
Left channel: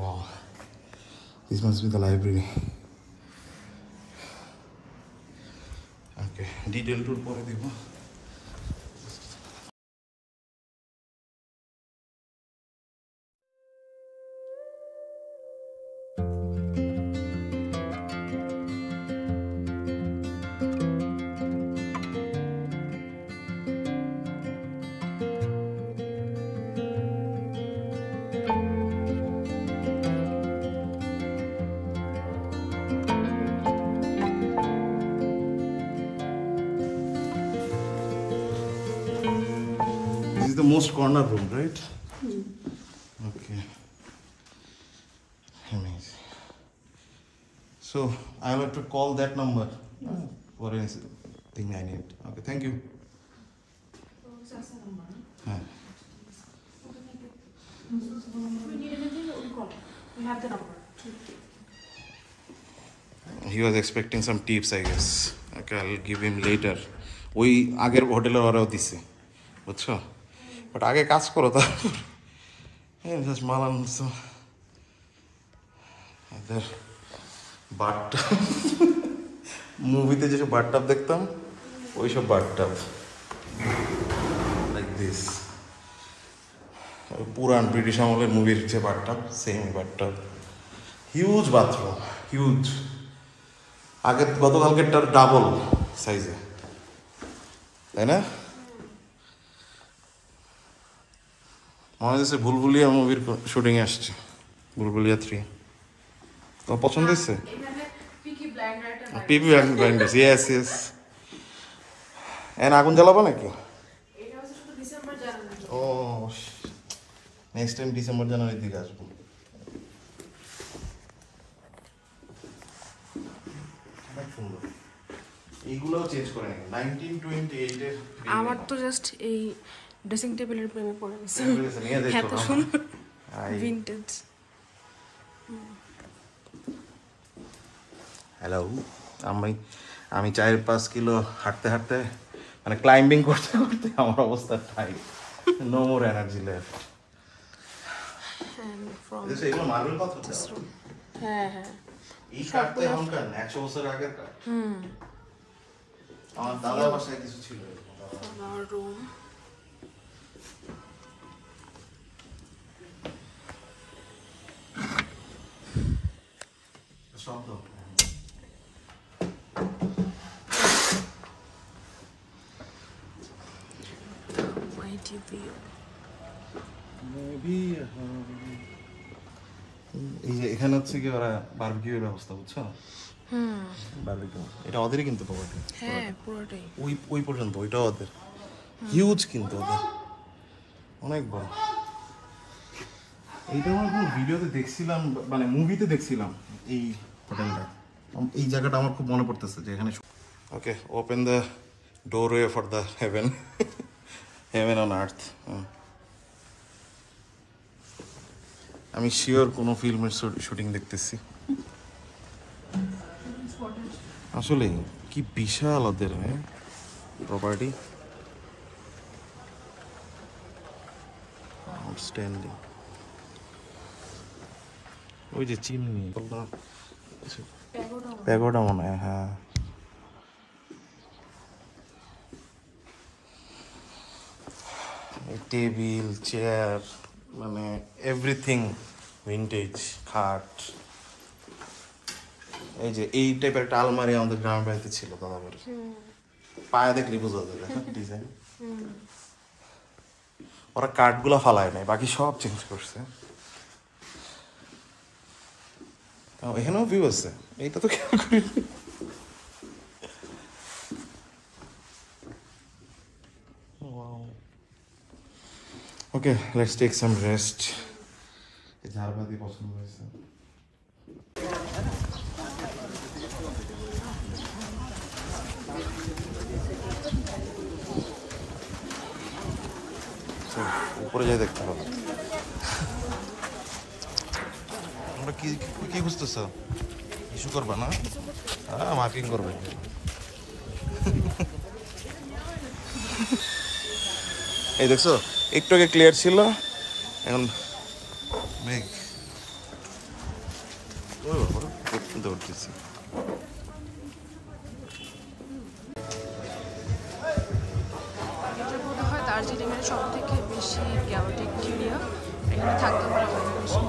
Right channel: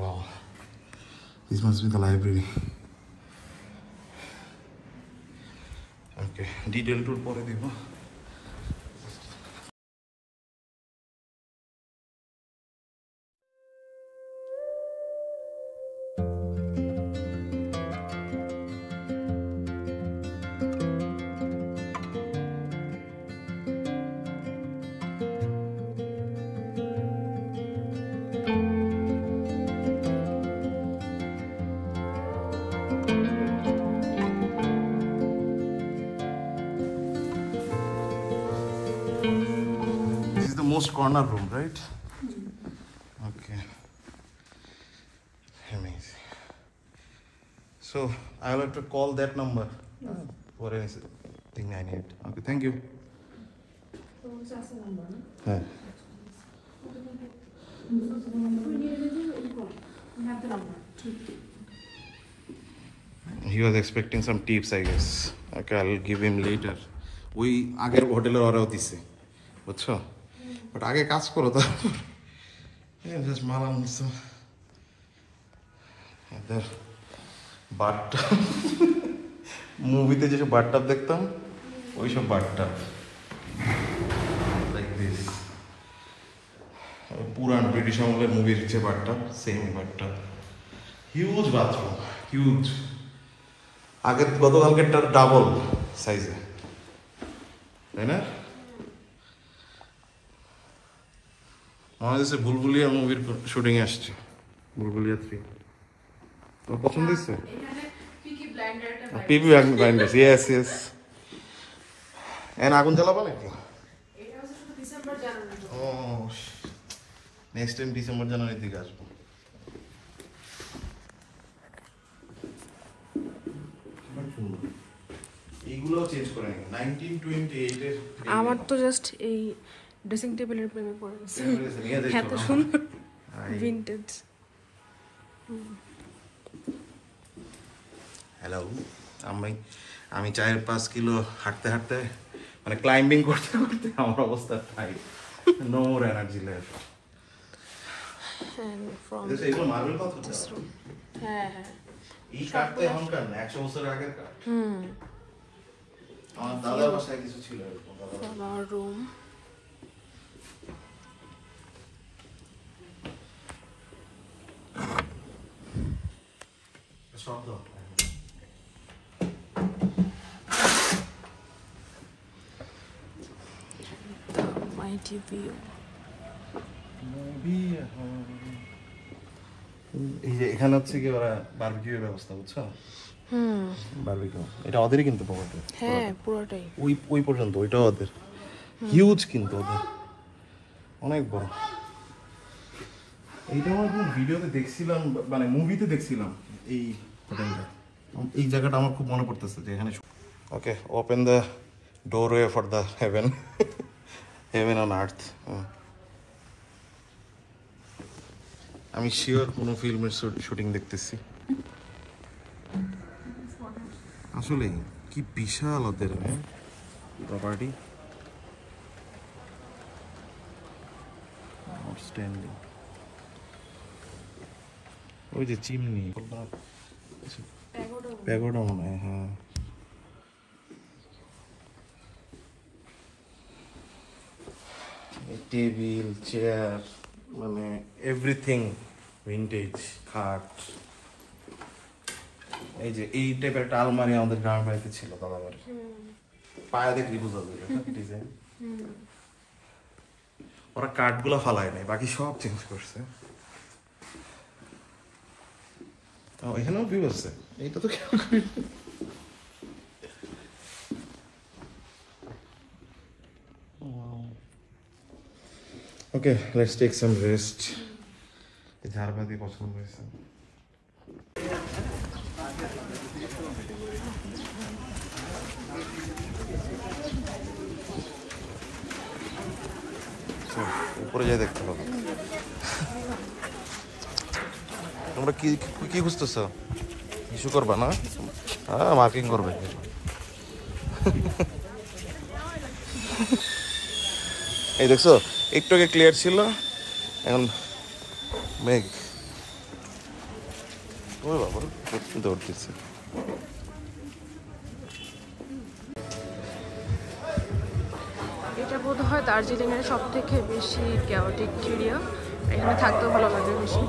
Wow, this must be the library. Okay, detail tour pore dibo. Most corner room, right? Okay. Amazing. So I'll have to call that number for anything I need. Okay, thank you. Yeah. We have the number. He was expecting some tips, I guess. Okay, I'll give him later. ওই আগের হোটেলের ওরাও দিছে, বুঝছো? But আগে কাজ করো তারপর জাস্ট মালাম এদের বাথটাব, মুভিতে যেসব বাথটাব দেখতাম ওইসব বাথটাব লাইক দিস, পুরান ব্রিটিশ আমলের মুভির যে bathtub same bathtub, huge bathroom, huge. আগের গতকালকেরটার ডাবল সাইজে, তাই না? মনে হচ্ছে বুলবুলিয়া মুভির শুটিং আসছে, বুলবুলিয়া 3। তোমার পছন্দ হয়েছে? পিপি ব্লাইন্ডার্স, ইয়েস ইয়েস। আগুন জ্বালাবো নাকি? ও নেক্সট টাইম ডিসেম্বর জানুয়ারির দিকে আসবো। এইগুলোও চেঞ্জ করে নেই, 1928 এর। আমার তো জাস্ট এই ড্রেসিং টেবিলের প্রেমে পড়ে গেছে, এত সুন্দর ভিন্টেজ। হ্যালো, আমি 4-5 কিলো হাঁটতে হাঁটতে মানে ক্লাইম্বিং করতে করতে আমার অবস্থা tight, no more energy left. And from এগুলো মার্বেল পাথর? this room. হ্যাঁ হ্যাঁ এই কাঠটা এখনকার 100 বছর আগের কাঠ। আমার দাদা বাসায় কিছু ছিল এরকম। from our room. শব্দ The mighty view. এই যে এখানে হচ্ছে কি ওরা বারবিকিউর ব্যবস্থা, বুঝছো? বারবিকিউ এটা ওদেরই কিন্তু প্রপার্টি। হ্যাঁ পুরোটাই। ওই পর্যন্ত ওইটাও ওদের, হিউজ কিন্তু ওদের, অনেক বড়। এইটা আমার কোনো ভিডিওতে দেখছিলাম, মানে মুভিতে দেখছিলাম এই হোটেলটা। এই জায়গাটা আমার খুব মনে পড়তেছে যে এখানে। Okay, open the doorway for the heaven, heaven on earth. আমি শিওর কোনো ফিল্মের শুটিং দেখতেছি। আসলে কি বিশাল ওদের প্রপার্টি, আউটস্ট্যান্ডিং। ওই যে চিমনি, প্যাগোডা মনে হয়। হ্যাঁ, টেবিল, চেয়ার, মানে এভরিথিং ভিন্টেজ, খাট। এই যে এই টাইপের একটা আলমারি আমাদের গ্রামের বাড়িতে ছিল দাদা বাড়ি, পায়ে দেখলি বোঝা যাবে ডিজাইন। ওরা কাঠগুলো ফালায় নাই, বাকি সব চেঞ্জ করছে। তাও এখানেও ভিউ আছে, এইটা তো খেয়াল করি। ওকে, লেটস টেক সাম রেস্ট। এই ঝাড়বাতি পছন্দ হয়েছে। উপরে যাই দেখতে হবে। তোমরা কি কি খুঁজতেছ? ইস্যু করবা না? হ্যাঁ, মার্কিং করবে। এই দেখছো, একটু আগে ক্লিয়ার ছিল, এখন মেঘ। ওই বাবা দৌড়তেছে। এটা বোধ হয় দার্জিলিং এর সব থেকে বেশি ক্যাওটিক এরিয়া, এখানে থাকতেও ভালো লাগে বেশি।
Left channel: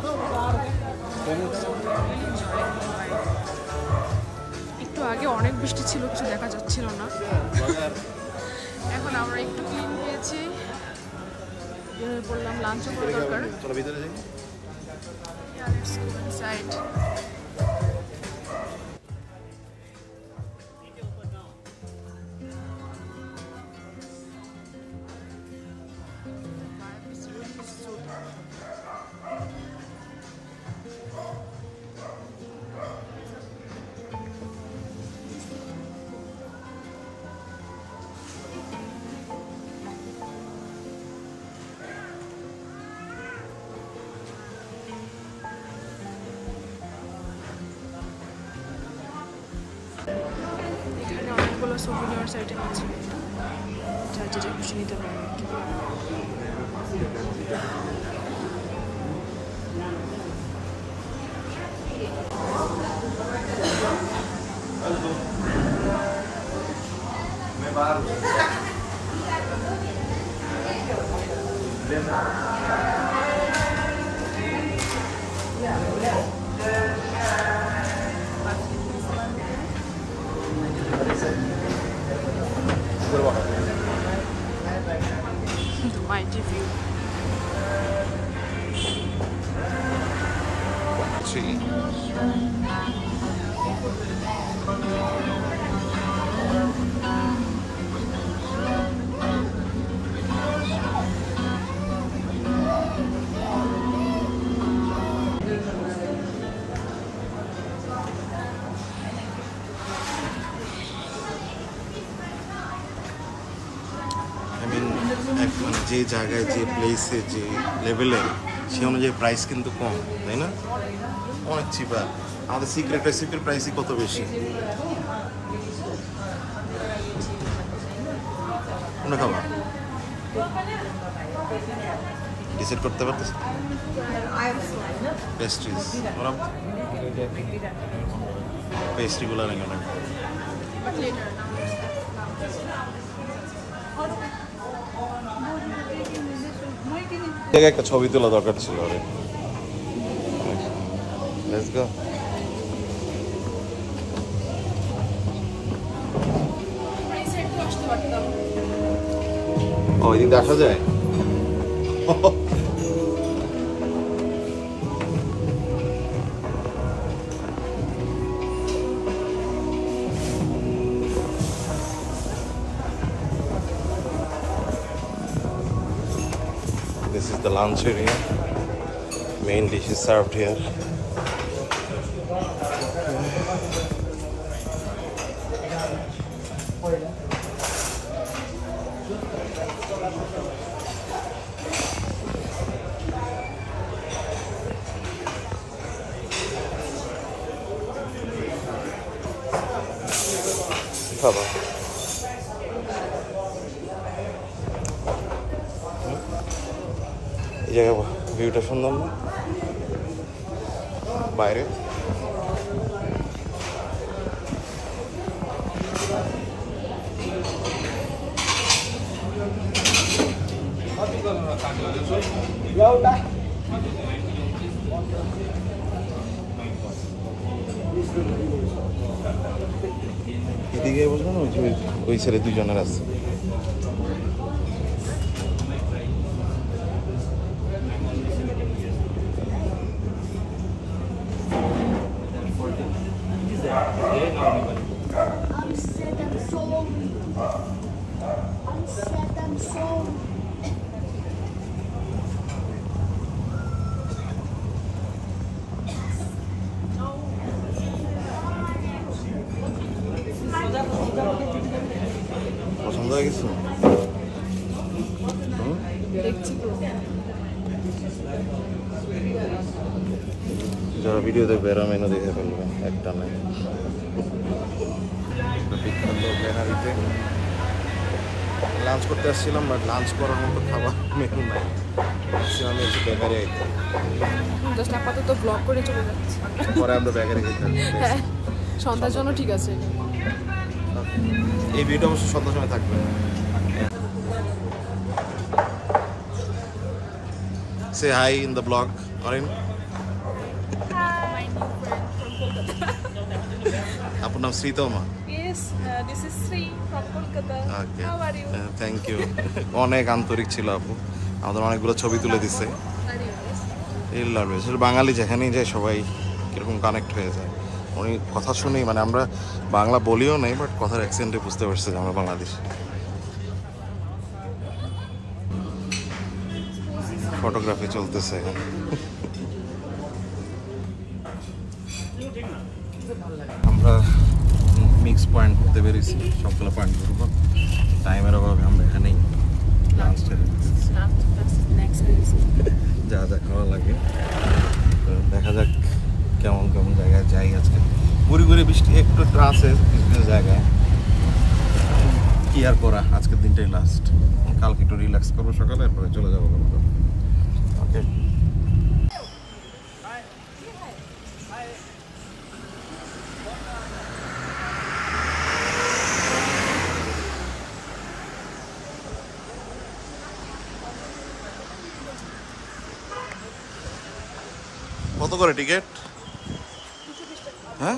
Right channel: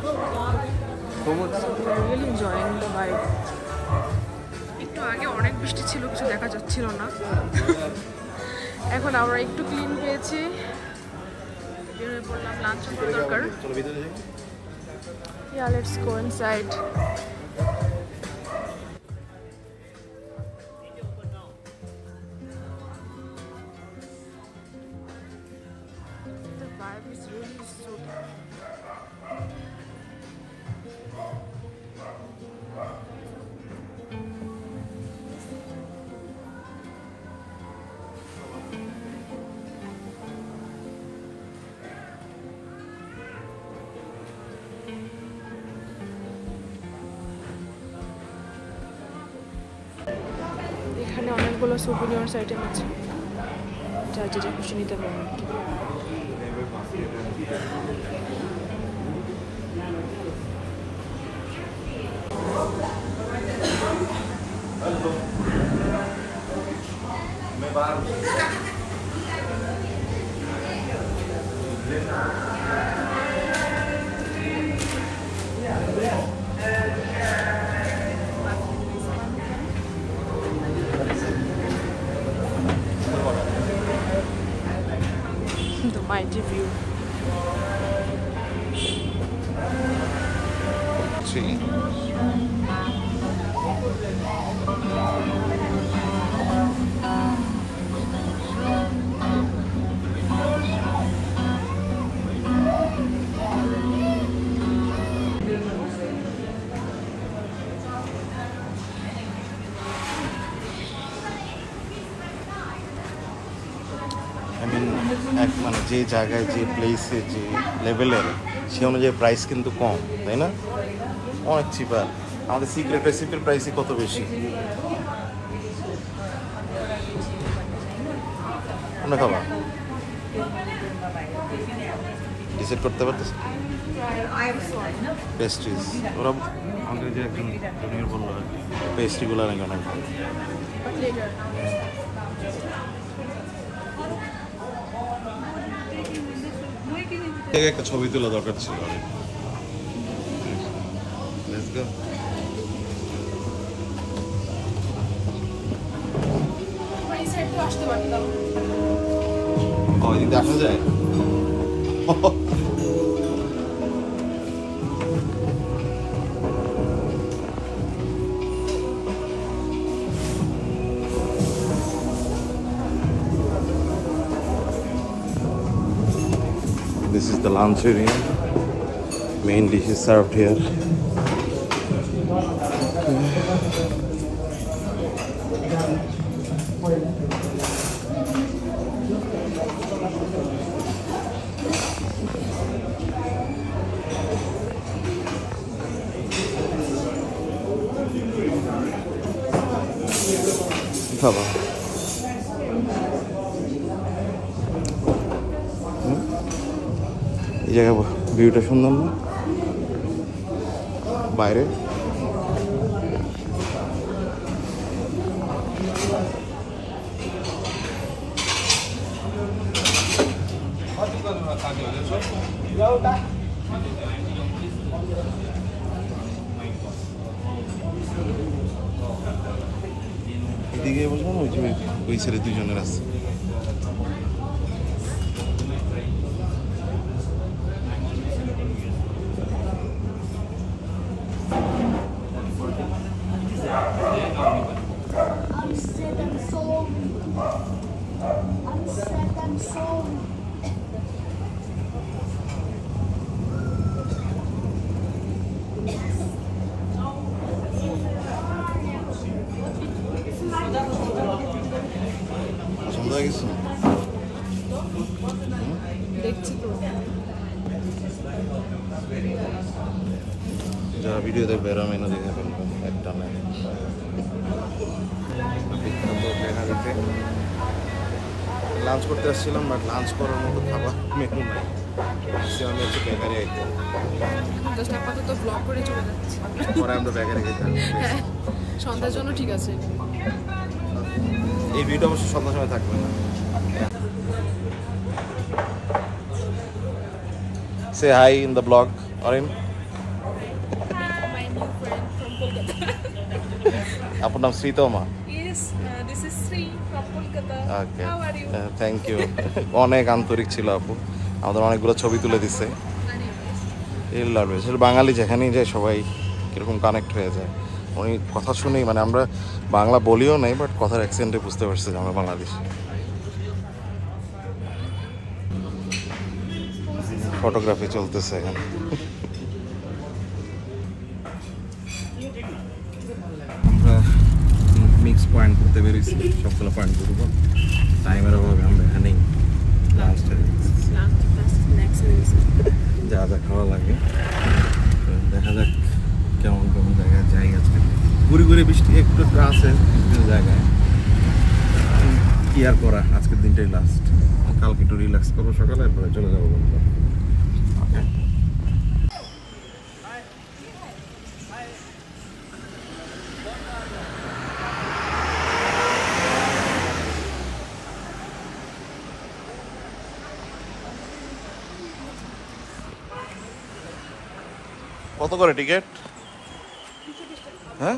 Really enjoying vibe. একটু আগে অনেক বৃষ্টি ছিল, কিছু দেখা যাচ্ছিল না। এখন আমরা একটু ক্লিন পেয়েছি, বললাম লাঞ্চ করা দরকার। চলো ভিতরে যাই। Yeah, let's go inside. The vibe is really soothing. এখানে অনেকগুলো সুভিনিয়ার্স আইটেম আছে, যা যেটা খুশি নিতে পারেন আর কি। The mighty view. See. মানে যে জায়গায় যে প্লেসে যে লেভেলের সে অনুযায়ী প্রাইস কিন্তু কম, তাই না? অনেক চিপার। আমাদের সিক্রেট রেসিপির প্রাইসই কত বেশি। কোনটা খাবা? ডিসাইড করতে পারতেছ? পেস্ট্রিজ ওরা আমাদের যে পেস্ট্রিগুলো নাকি অনেক ভালো। একটা ছবি তোলা দরকার ছিল। Let's go. ওই দিক দেখা যায়। This is the lunch area. Main dish is served here. ভিউটা সুন্দর না বাইরে? এদিকে বলবো না, ওই ছেলে দুজনের আছে। পছন্দ হয়ে গেছে? যারা ভিডিও দেখবে এরা মেনু দেখে ফেলবে একটা না। বিখ্যাত গ্রেনারিতে লাঞ্চ করতে আসছিলাম, বাট লাঞ্চ করার মতো খাবার মেনু নাই। আমি একটু বেকারি আইতে জাস্ট আপাতত ব্লগ করে চলে যাচ্ছি, পরে আমরা বেকারি খেতে হবে। সন্ধ্যার জন্য ঠিক আছে। এই ভিডিও অবশ্য সন্ধ্যার সময় থাকবে না। Say hi in the blog, Orin. My new friend from Kolkata. আপনার নাম Sreetama? Yes, this is Sri from Kolkata. Okay. How are you? Thank you. অনেক আন্তরিক ছিল আপু, আমাদের অনেকগুলো ছবি তুলে দিচ্ছে। বাঙালি যেখানেই যায় সবাই কিরকম কানেক্ট হয়ে যায়। উনি কথা শুনেই, মানে আমরা বাংলা বলিও নাই, বাট কথার অ্যাকসেন্টে বুঝতে পারছে যে আমরা বাংলাদেশি। ফটোগ্রাফি চলতেছে এখানে। আমরা মিক্স পয়েন্ট করতে পেরেছি, সবগুলো পয়েন্ট ঘুরব। টাইমের অভাবে আমরা এখানেই লাঞ্চটা দিতেছি, যা যা খাওয়া লাগে। দেখা যাক কেমন কেমন জায়গায় যাই। আজকে ঘুরে ঘুরে বৃষ্টি একটু একটু আছে বিভিন্ন জায়গায়, কি আর করা, আজকের দিনটাই লাস্ট। কালকে একটু রিল্যাক্স করবো সকালে, এরপরে চলে যাবো। ওকে, কত করে টিকিট? হ্যাঁ,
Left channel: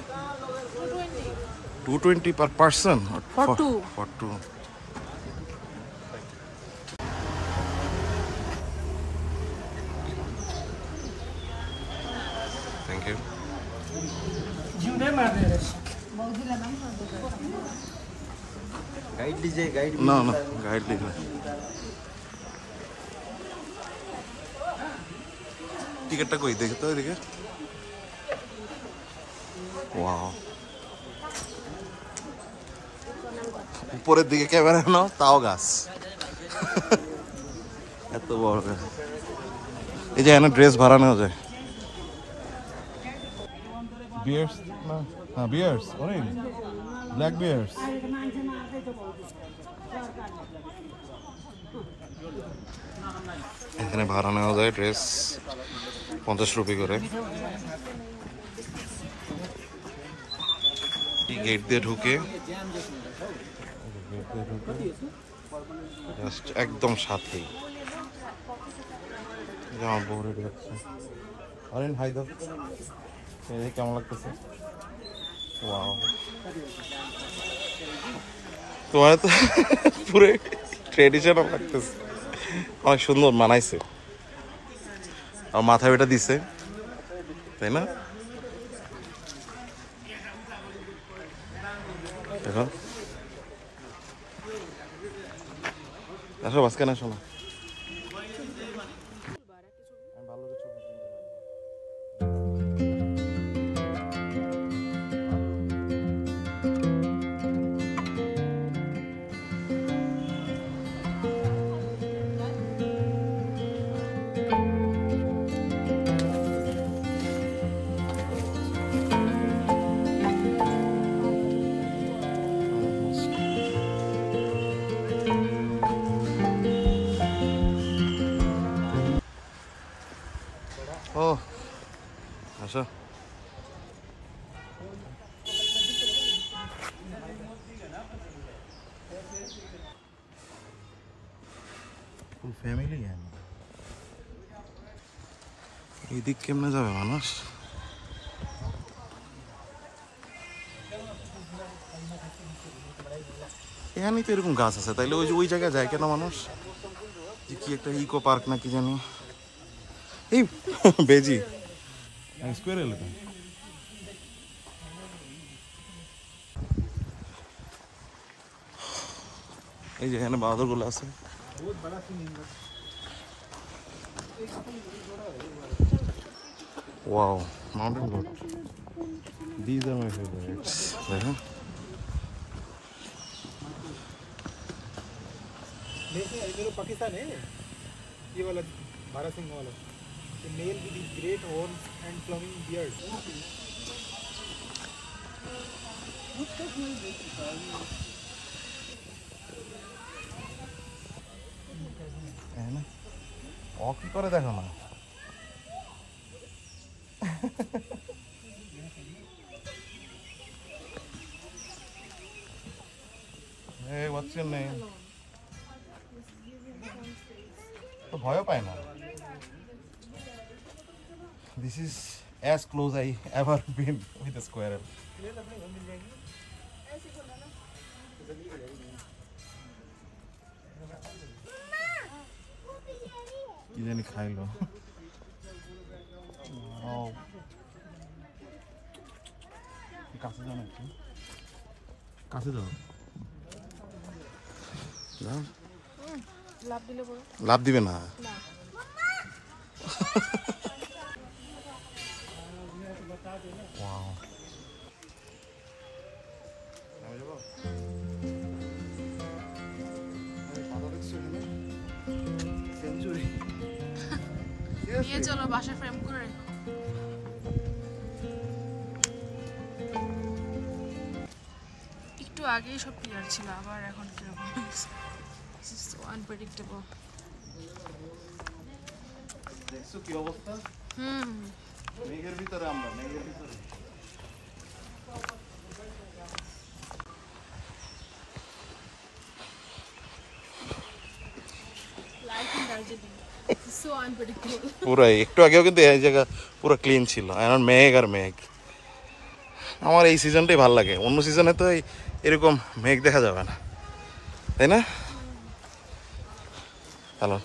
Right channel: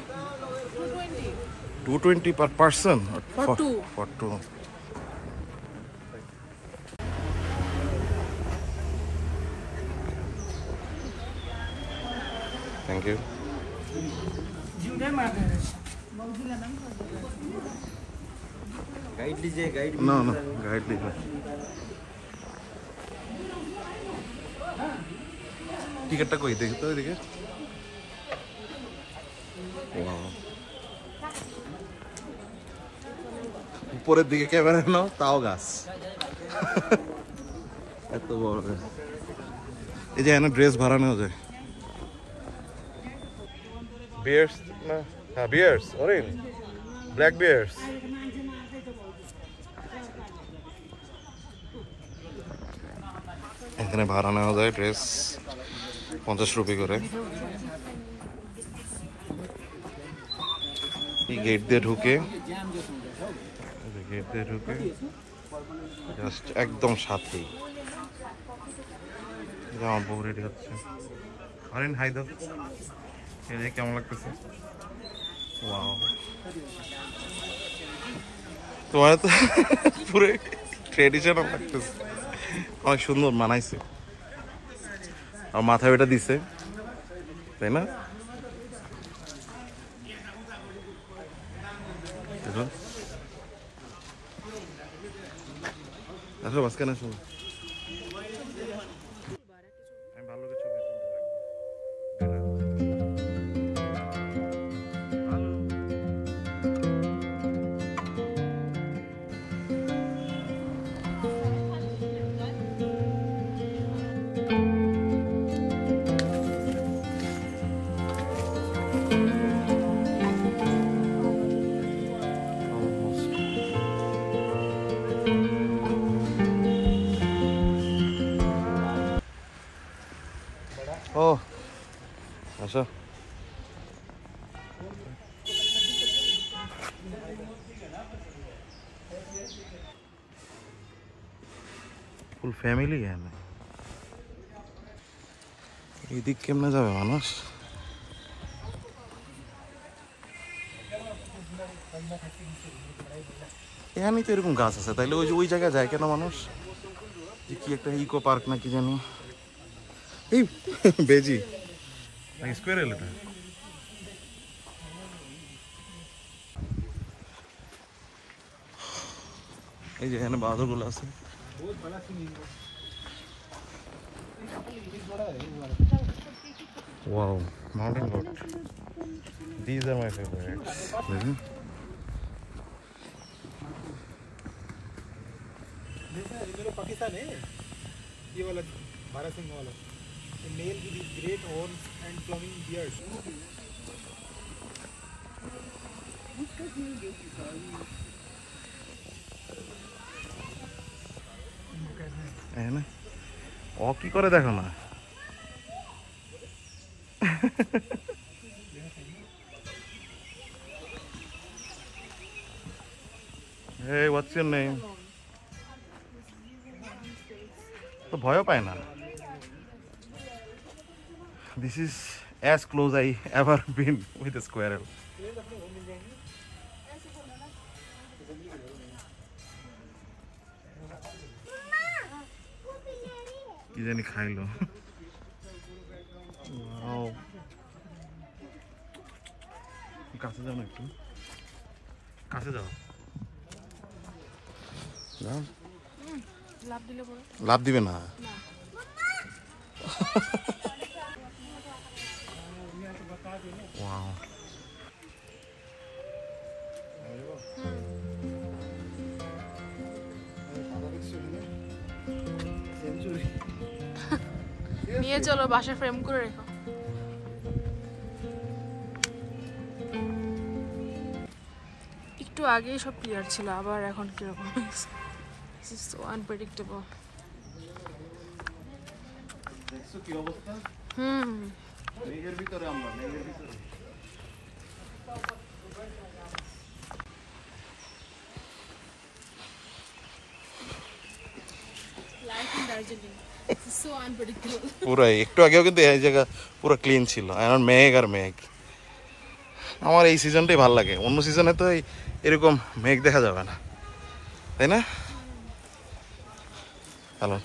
220 per person for two. Thank you. No, guide लीजिए। টিকিটটা কই দেখি তো এদিকে। ওয়াও, উপরের দিকে ক্যামেরা নাও, তাও গাছ। এত বড় গাছ। এই যে এখানে ড্রেস ভাড়া নেওয়া যায়। বিয়ার্স না, হ্যাঁ বিয়ার্স, অরেঞ্জ ব্ল্যাক বিয়ার্স। এখানে ভাড়া নেওয়া যায় ড্রেস 50 রুপি করে। গেট দিয়ে ঢুকে জাস্ট একদম সাথেই জামা বউ রেডি হচ্ছে। আরেন হাই দাও, কেমন লাগতেছে? ওয়াও, তোমার তো পুরো ট্রেডিশনাল লাগতেছে, অনেক সুন্দর মানাইছে। আর মাথায় ওটা দিছে, তাই না? দেখো, আসো মাঝখানে আসো না। আমি ভালো করে ছবি তুলতে থাকবো। ও আসো, ফুল ফ্যামিলি। এদিক কেমনে যাবে মানুষ? এখানেই তো এরকম গাছ আছে, তাইলে ওই জায়গায় যায় কেন মানুষ? যে কি একটা ইকো পার্ক না কি জানি, এই বেজি স্কোয়ার এলাকা। এই যে এখানে বাহাদুর গুলো আছে। Wow, mountain goat. These are my favorites. ये पाकिस्तान है, ये वाला भारत सिंह वाला, the male with his great horns and flowing beard. ও কি করে দেখো না? Hey, what's your name? তো ভয়ও পায় না। This is as close I ever been with a squirrel. কি জানি খাইলো। কাছে যাও না, একটু কাছে যাও। লাভ দিবে না। নিয়ে চলো, বাসায় ফ্রেম করে রেখো। একটু আগেই সব ক্লিয়ার ছিল, আবার এখন কিরকম আনপ্রেডিক্টেবল। দেখছো কি অবস্থা? মেঘের ভিতরে আমরা, মেঘের ভিতরে। পুরাই একটু আগেও কিন্তু এই জায়গা পুরো ক্লিন ছিল, এখন মেঘ আর মেঘ। আমার এই সিজনটাই ভালো লাগে, অন্য সিজনে তো এরকম মেঘ দেখা যাবে না, তাই না? Hello,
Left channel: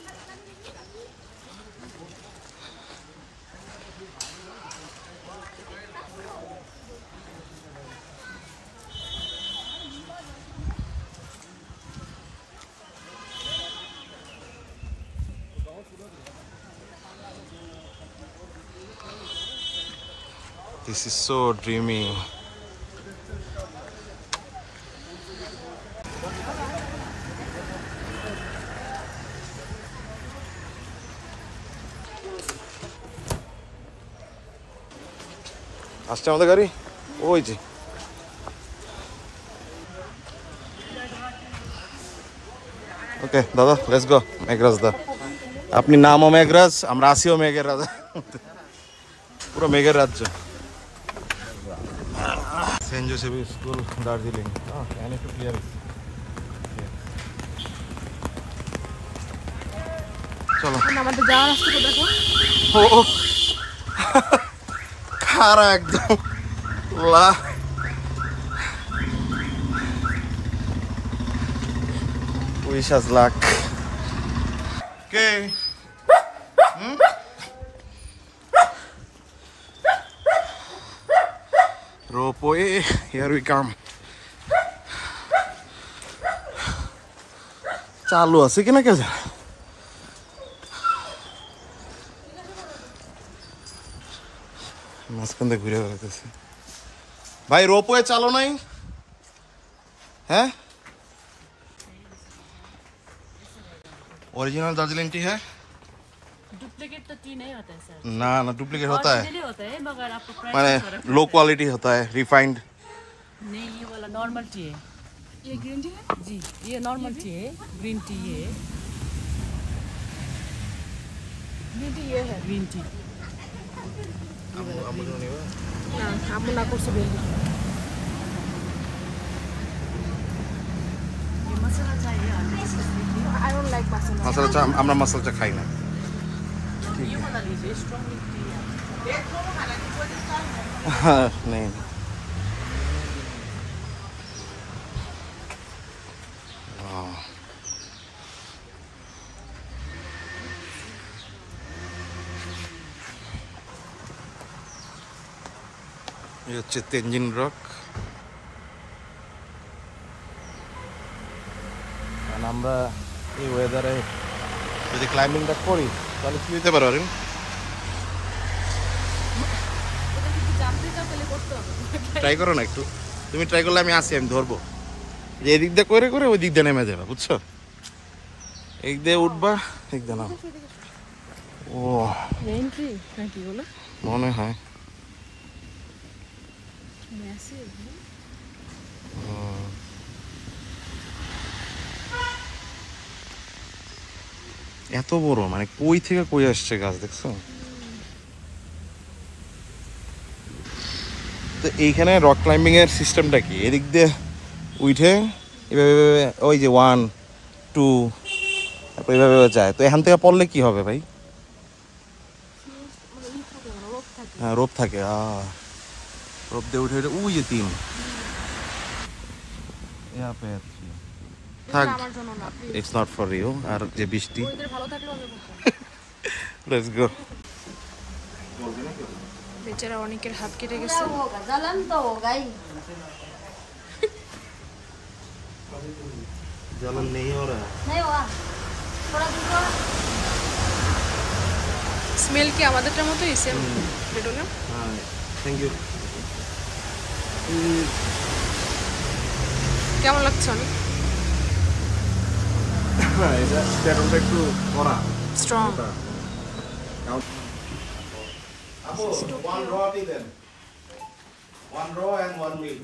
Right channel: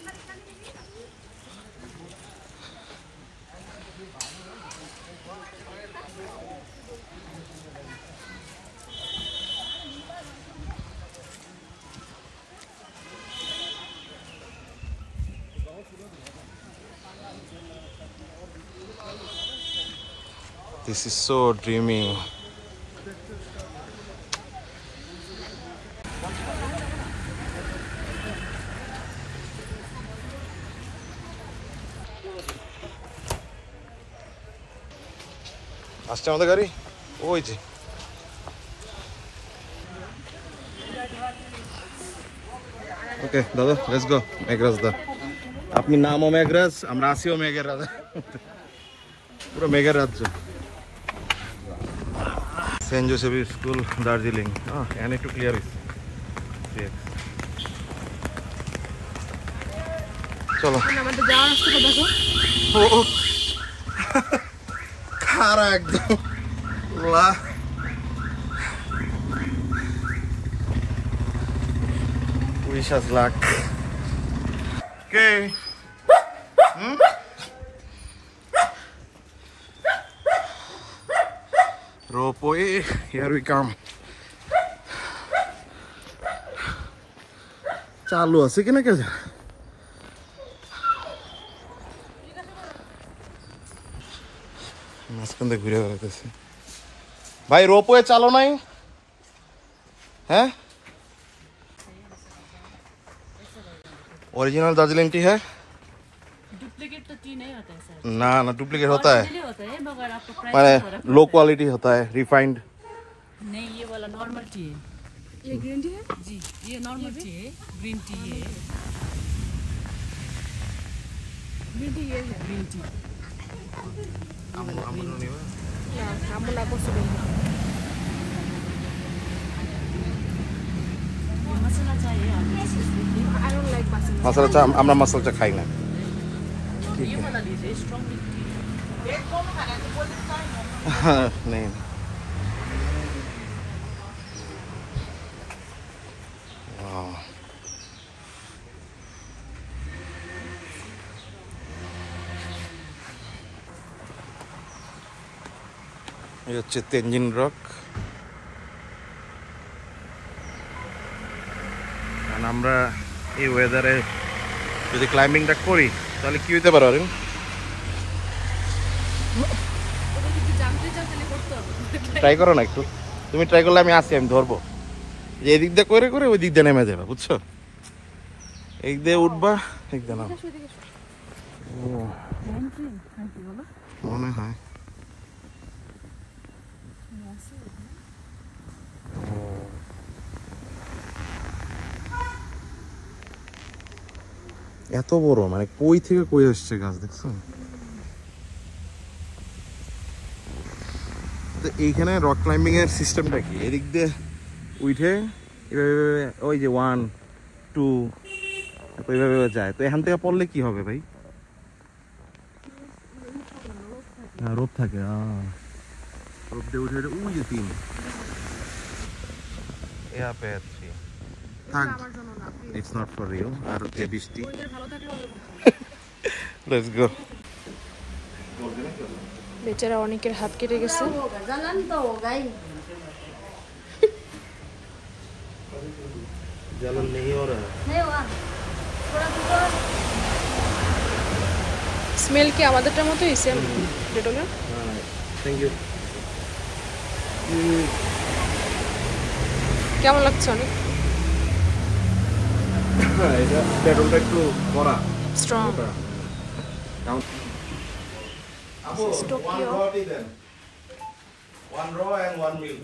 this is so dreamy. আসছে আমাদের গাড়ি, ওই যে। ওকে দাদা, লেটস গো মেঘরাজদা। আপনি নামও মেঘরাজ, আমরা আসিও মেঘের রাজা, পুরো মেঘের রাজ্য। সেন্ট জোসেফ স্কুল দার্জিলিং, এখানে একটু ক্লিয়ার হয়েছে। চলো আমাদের যাওয়ার রাস্তাটা দেখো। ও খারা একদম লা wish us luck. Okay. Ropeway, here we come. চালু আছে কিনা কে জানে। মাঝখান দিয়ে ঘুরে বেড়াতেছি। ভাই রোপওয়ে চালো নাই? হ্যাঁ ओरिजिनल दार्जिलिंग टी है? डुप्लीकेट तो टी नहीं होता है सर। ना ना डुप्लीकेट होता है, Original होता है मगर आपको प्राइस माने लो क्वालिटी होता है, रिफाइंड। नहीं, ये वाला नॉर्मल टी है। ये ग्रीन टी है? जी, ये नॉर्मल टी है, ग्रीन टी ये है। ग्रीन टी ये है। ग्रीन टी आप ना कुछ भी ये मसाला चाहिए और आई डोंट लाइक मसाला। मसाला चा আমরা मसाला चा खाई ना। ये वाला लीजिए, स्ट्रॉन्ग टी। हाँ नहीं ये হচ্ছে তেনজিং রক। কারণ আমরা এই ওয়েদারে যদি ক্লাইম্বিংটা করি তাহলে কি হইতে পারে? জানতে চাও তাহলে করতে হবে। ট্রাই করো না একটু, তুমি ট্রাই করলে আমি আসি, আমি ধরবো। যে এদিক দিয়ে করে করে ওই দিক দিয়ে নেমে যাবে, বুঝছো? এই দিয়ে উঠবা, এক দিয়ে নাও। ও এন্ট্রি নাকি বলো? মনে হয় এত বড়, মানে কই থেকে কই আসছে গাছ, দেখছো? তো এইখানে রক ক্লাইম্বিং এর সিস্টেমটা কি? এদিক দিয়ে উঠে এভাবে ওই যে 1 2 তারপর এভাবে যায়। তো এখান থেকে পড়লে কি হবে ভাই? হ্যাঁ রোপ থাকে, রোপ দিয়ে উঠে ওই যে 3 यहाँ पे अच्छी থাক, ইটস নট ফর ইউ। আর যে বৃষ্টি, ভালো থাকলে হবে। Let's go. বেচারা অনেকের হাত কেটে গেছে। होगा जलन तो होगा ही। जलन नहीं हो रहा। नहीं हुआ थोड़ा दूर স্মেল কি আমাদেরটার মতোই সেম ডেটলের? हाँ थैंक यू। কেমন লাগছে? অনেক এটা ডেটলটা একটু কড়া, স্ট্রং। আপু ওয়ান র টি দেন, 1 র এন্ড 1 মিল।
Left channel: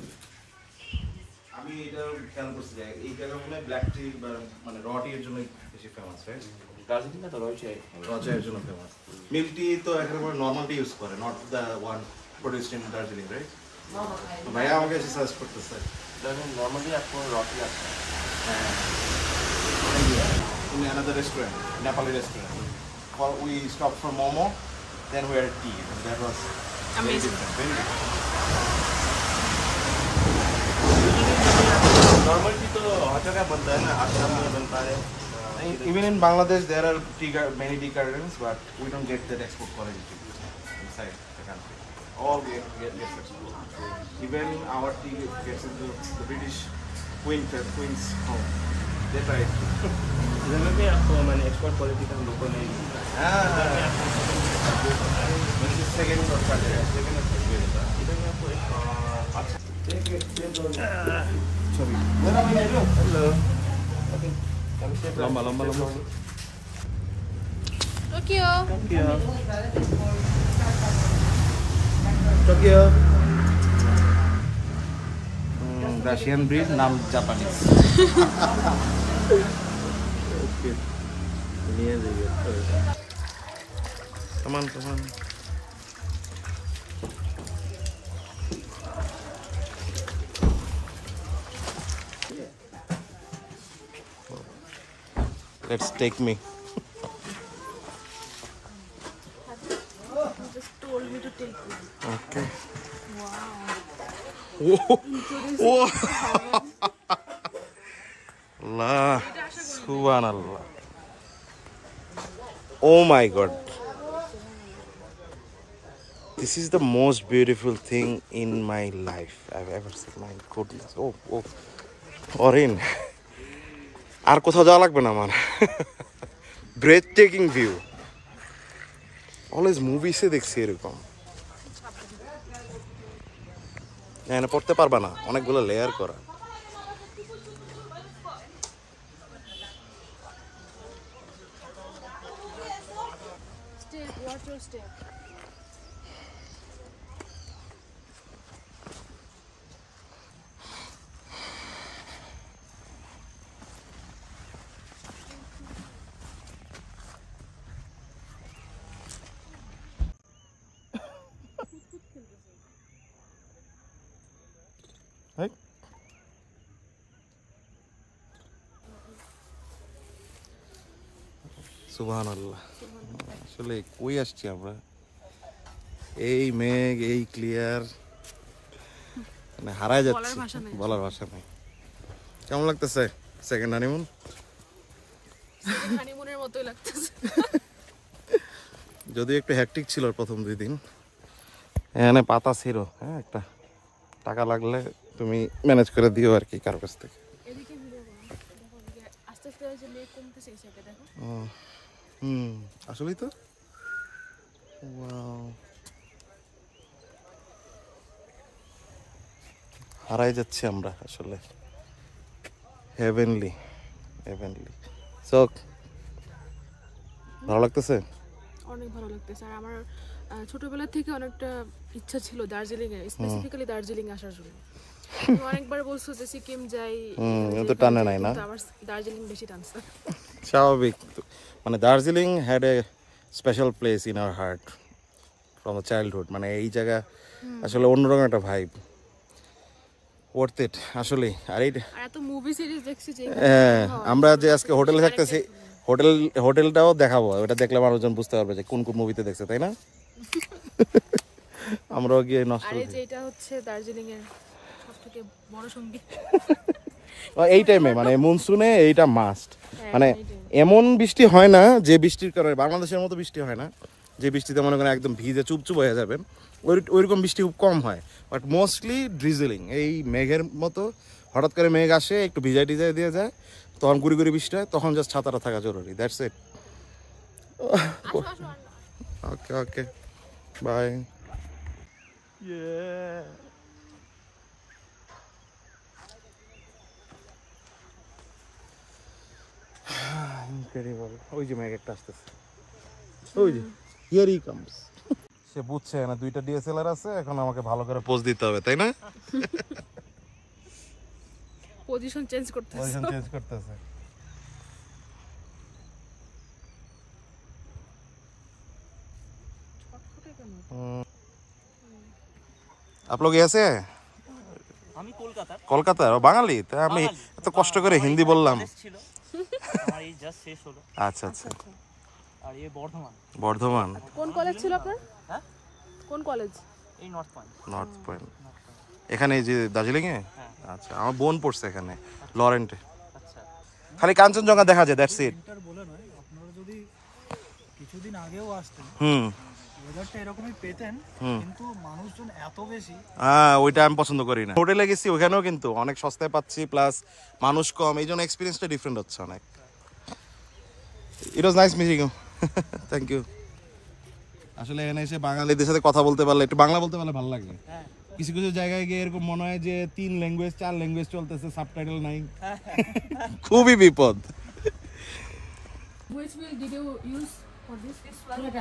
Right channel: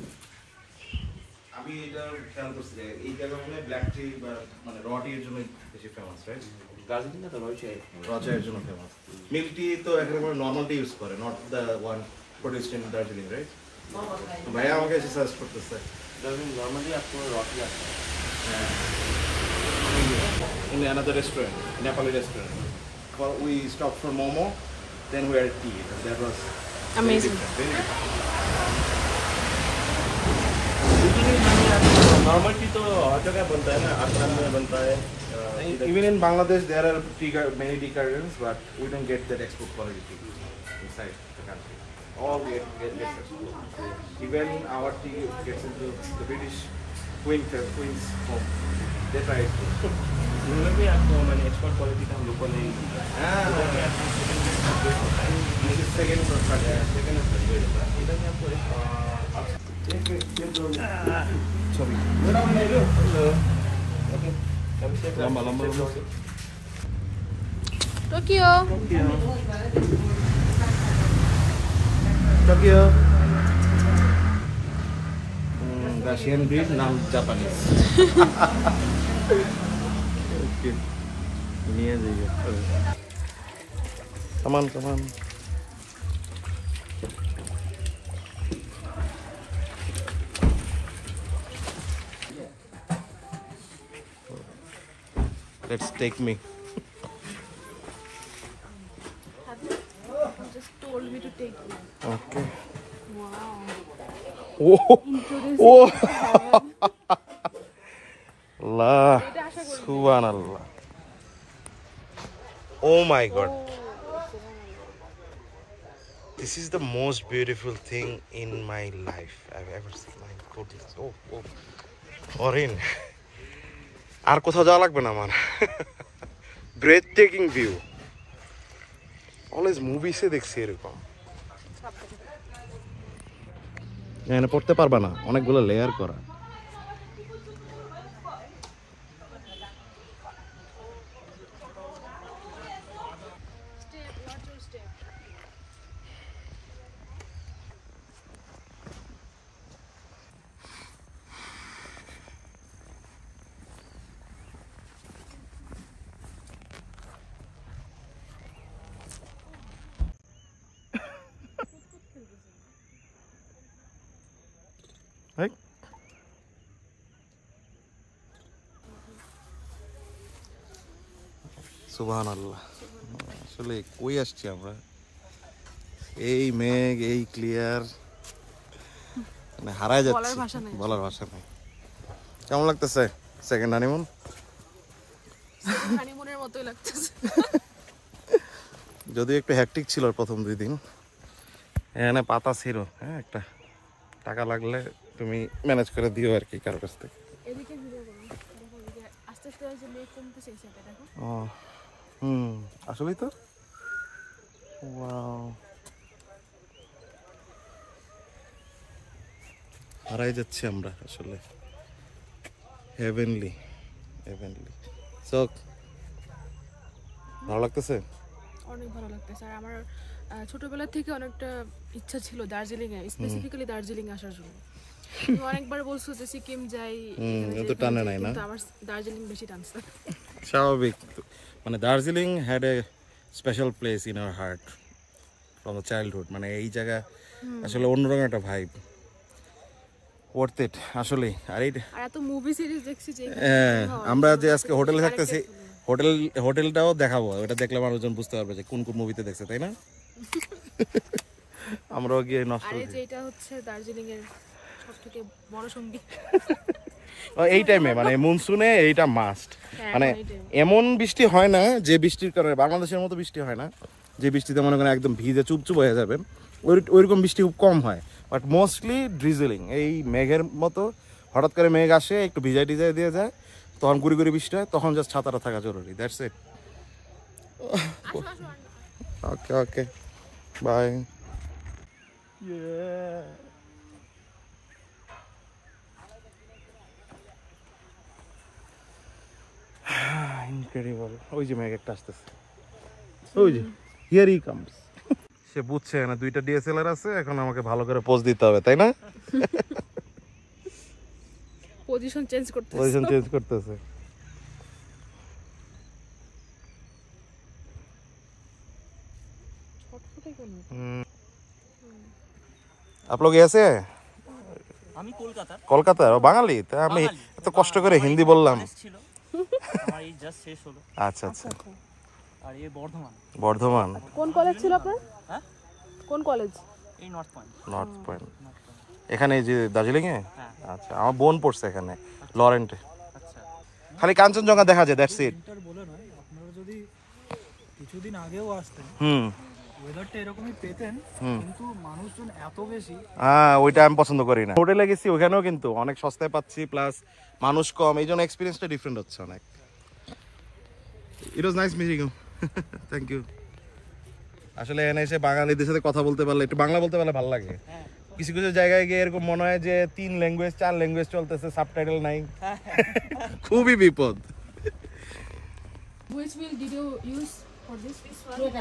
আমি এটা খেয়াল করছি যে এই জায়গা মনে ব্ল্যাক টি মানে র টি এর জন্য বেশি ফেমাস, রাইট? দার্জিলিং না তো রয়েছে র চায়ের জন্য ফেমাস। মিল টি তো এখানে নরমাল টি ইউজ করে, not the one produced in Darjeeling, right? ভাইয়া আমাকে সাজেস্ট করতেছে দার্জিলিং নরমালি আপনার রকি আছে in another restaurant, Nepali restaurant. Well, we stopped for momo, then we had tea. That was Amazing. Normal T तो हर जगह बनता है ना, आसाम में बनता है। Even in Bangladesh, there are many tea gardens, but we don't get that export quality tea inside the country. All gets export. Even our tea gets into the British Queen's home. They try it. इधर में भी आपको मैंने export quality का हम लोग को नहीं मिलता है। इधर में आपको Second or third. इधर में आपको अच्छा Sorry. Hello Lamba. Tokyo. Tokyo. Russian breed, नाम Japanese. Okay. Come on, come on. Let's take me. You just told me to take you. Okay. Wow. Whoa. Whoa. Allah. Subhanallah. Oh my God. This is the most beautiful thing in my life I've ever seen. My goodness. Oh, oh. Orin. আর কোথাও যাওয়া লাগবে না আমার। Breathtaking view. Always movies এ দেখছি এরকম। এখানে পড়তে পারবা না, অনেকগুলো লেয়ার করা। Step, watch your step. Right? সুবহানাল্লাহ। আসলে কই আসছি আমরা? এই মেঘ, এই ক্লিয়ার, মানে হারায় যাচ্ছে, বলার ভাষা নাই। কেমন লাগতেছে সেকেন্ড হানিমুন? হানিমুনের মতোই লাগতেছে। যদিও একটু হ্যাকটিক ছিল প্রথম 2 দিন। এখানে পাতা ছিল, হ্যাঁ, একটা টাকা লাগলে তুমি ম্যানেজ করে দিও আর কি কারোর কাছ থেকে। এদিকে ভিডিও করো, দেখো যে আস্তে আস্তে যে লেক কমতেছে এই সাইডে দেখো। আসলেই তো। ওয়াও, হারাই যাচ্ছি আমরা আসলে। Heavenly, heavenly. সো ভালো লাগতেছে? অনেক ভালো লাগতেছে। আর আমার ছোটবেলা থেকে অনেকটা ইচ্ছা ছিল দার্জিলিং এ, স্পেসিফিক্যালি দার্জিলিং আসার জন্য। আমি অনেকবার বলছো যে সিকিম যাই, তো টানে নাই না? কিন্তু আমার দার্জিলিং বেশি টানছে। স্বাভাবিক, মানে Darjeeling had a special place in our heart from the childhood. মানে এই জায়গা আসলে অন্যরকম একটা ভাইব, ওয়ার্থ ইট আসলে। আর এত মুভি সিরিজ দেখছি যে আমরা যে আজকে হোটেলে থাকতেছি, হোটেলটাও দেখাবো, ওটা দেখলে মানুষজন বুঝতে পারবে যে কোন কোন মুভিতে দেখছে, তাই না? আমরাও গিয়ে নষ্ট। আর এই যে এটা হচ্ছে দার্জিলিং এর সবথেকে বড় সঙ্গী এই টাইমে, মানে মনসুনে এইটা মাস্ট। মানে এমন বৃষ্টি হয় না যে বৃষ্টির কারণে বাংলাদেশের মতো বৃষ্টি হয় না, যে বৃষ্টিতে মনে করেন একদম ভিজে চুপচুপ হয়ে যাবেন, ওইরকম বৃষ্টি খুব কম হয়। বাট মোস্টলি ড্রিজলিং, এই মেঘের মতো হঠাৎ করে মেঘ আসে, একটু ভিজাই টিজাই দিয়ে যায়, তখন গুড়ি গুড়ি বৃষ্টি হয়, তখন জাস্ট ছাতাটা থাকা জরুরি। That's it. Okay okay, bye. Incredible. ওই যে মেঘ একটা আসতেছে, ওই যে হিয়ার হি কামস। সে বুঝছে না 2টা ডিএসএলআর আছে, এখন আমাকে ভালো করে পোজ দিতে হবে, তাই না? পজিশন চেঞ্জ করতেছে, পজিশন চেঞ্জ করতেছে। आप लोग ऐसे हैं? আমি কলকাতার। কলকাতার বাঙালি? তাই আমি এত কষ্ট করে হিন্দি বললাম। ছিল আমার এই জাস্ট শেষ হলো। আচ্ছা আচ্ছা। আর এই বর্ধমান। বর্ধমান। কোন কলেজ ছিল আপনার? হ্যাঁ, কোন কলেজ? এই নর্থ পয়েন্ট। নর্থ পয়েন্ট এখানে, এই যে দার্জিলিং এ? আচ্ছা, আমার বোন পড়ছে এখানে লরেন্টে। আচ্ছা, খালি কাঞ্চনজঙ্ঘা দেখা যায়, দ্যাটস ইট। উইন্টার বলে নয়, আপনারা যদি কিছুদিন আগেও আসতেন ওয়েদারটা এরকমই পেতেন, কিন্তু মানুষজন এত বেশি, ওইটা আমি পছন্দ করি না। হোটেলে গেছি, ওখানেও কিন্তু অনেক সস্তায় পাচ্ছি, প্লাস মানুষ কম, এই জন্য এক্সপিরিয়েন্সটা ডিফারেন্ট হচ্ছে অনেক। It was nice meeting you, thank you. আসলে এনে এসে বাঙালিদের সাথে কথা বলতে পারলে, একটু বাংলা বলতে পারলে ভালো লাগে। কিছু কিছু জায়গায় গিয়ে এরকম মনে হয় যে 3 ল্যাঙ্গুয়েজ 4 ল্যাঙ্গুয়েজ চলতেছে, সাবটাইটেল নাই, খুবই বিপদ। Which milk did you use for this? Milk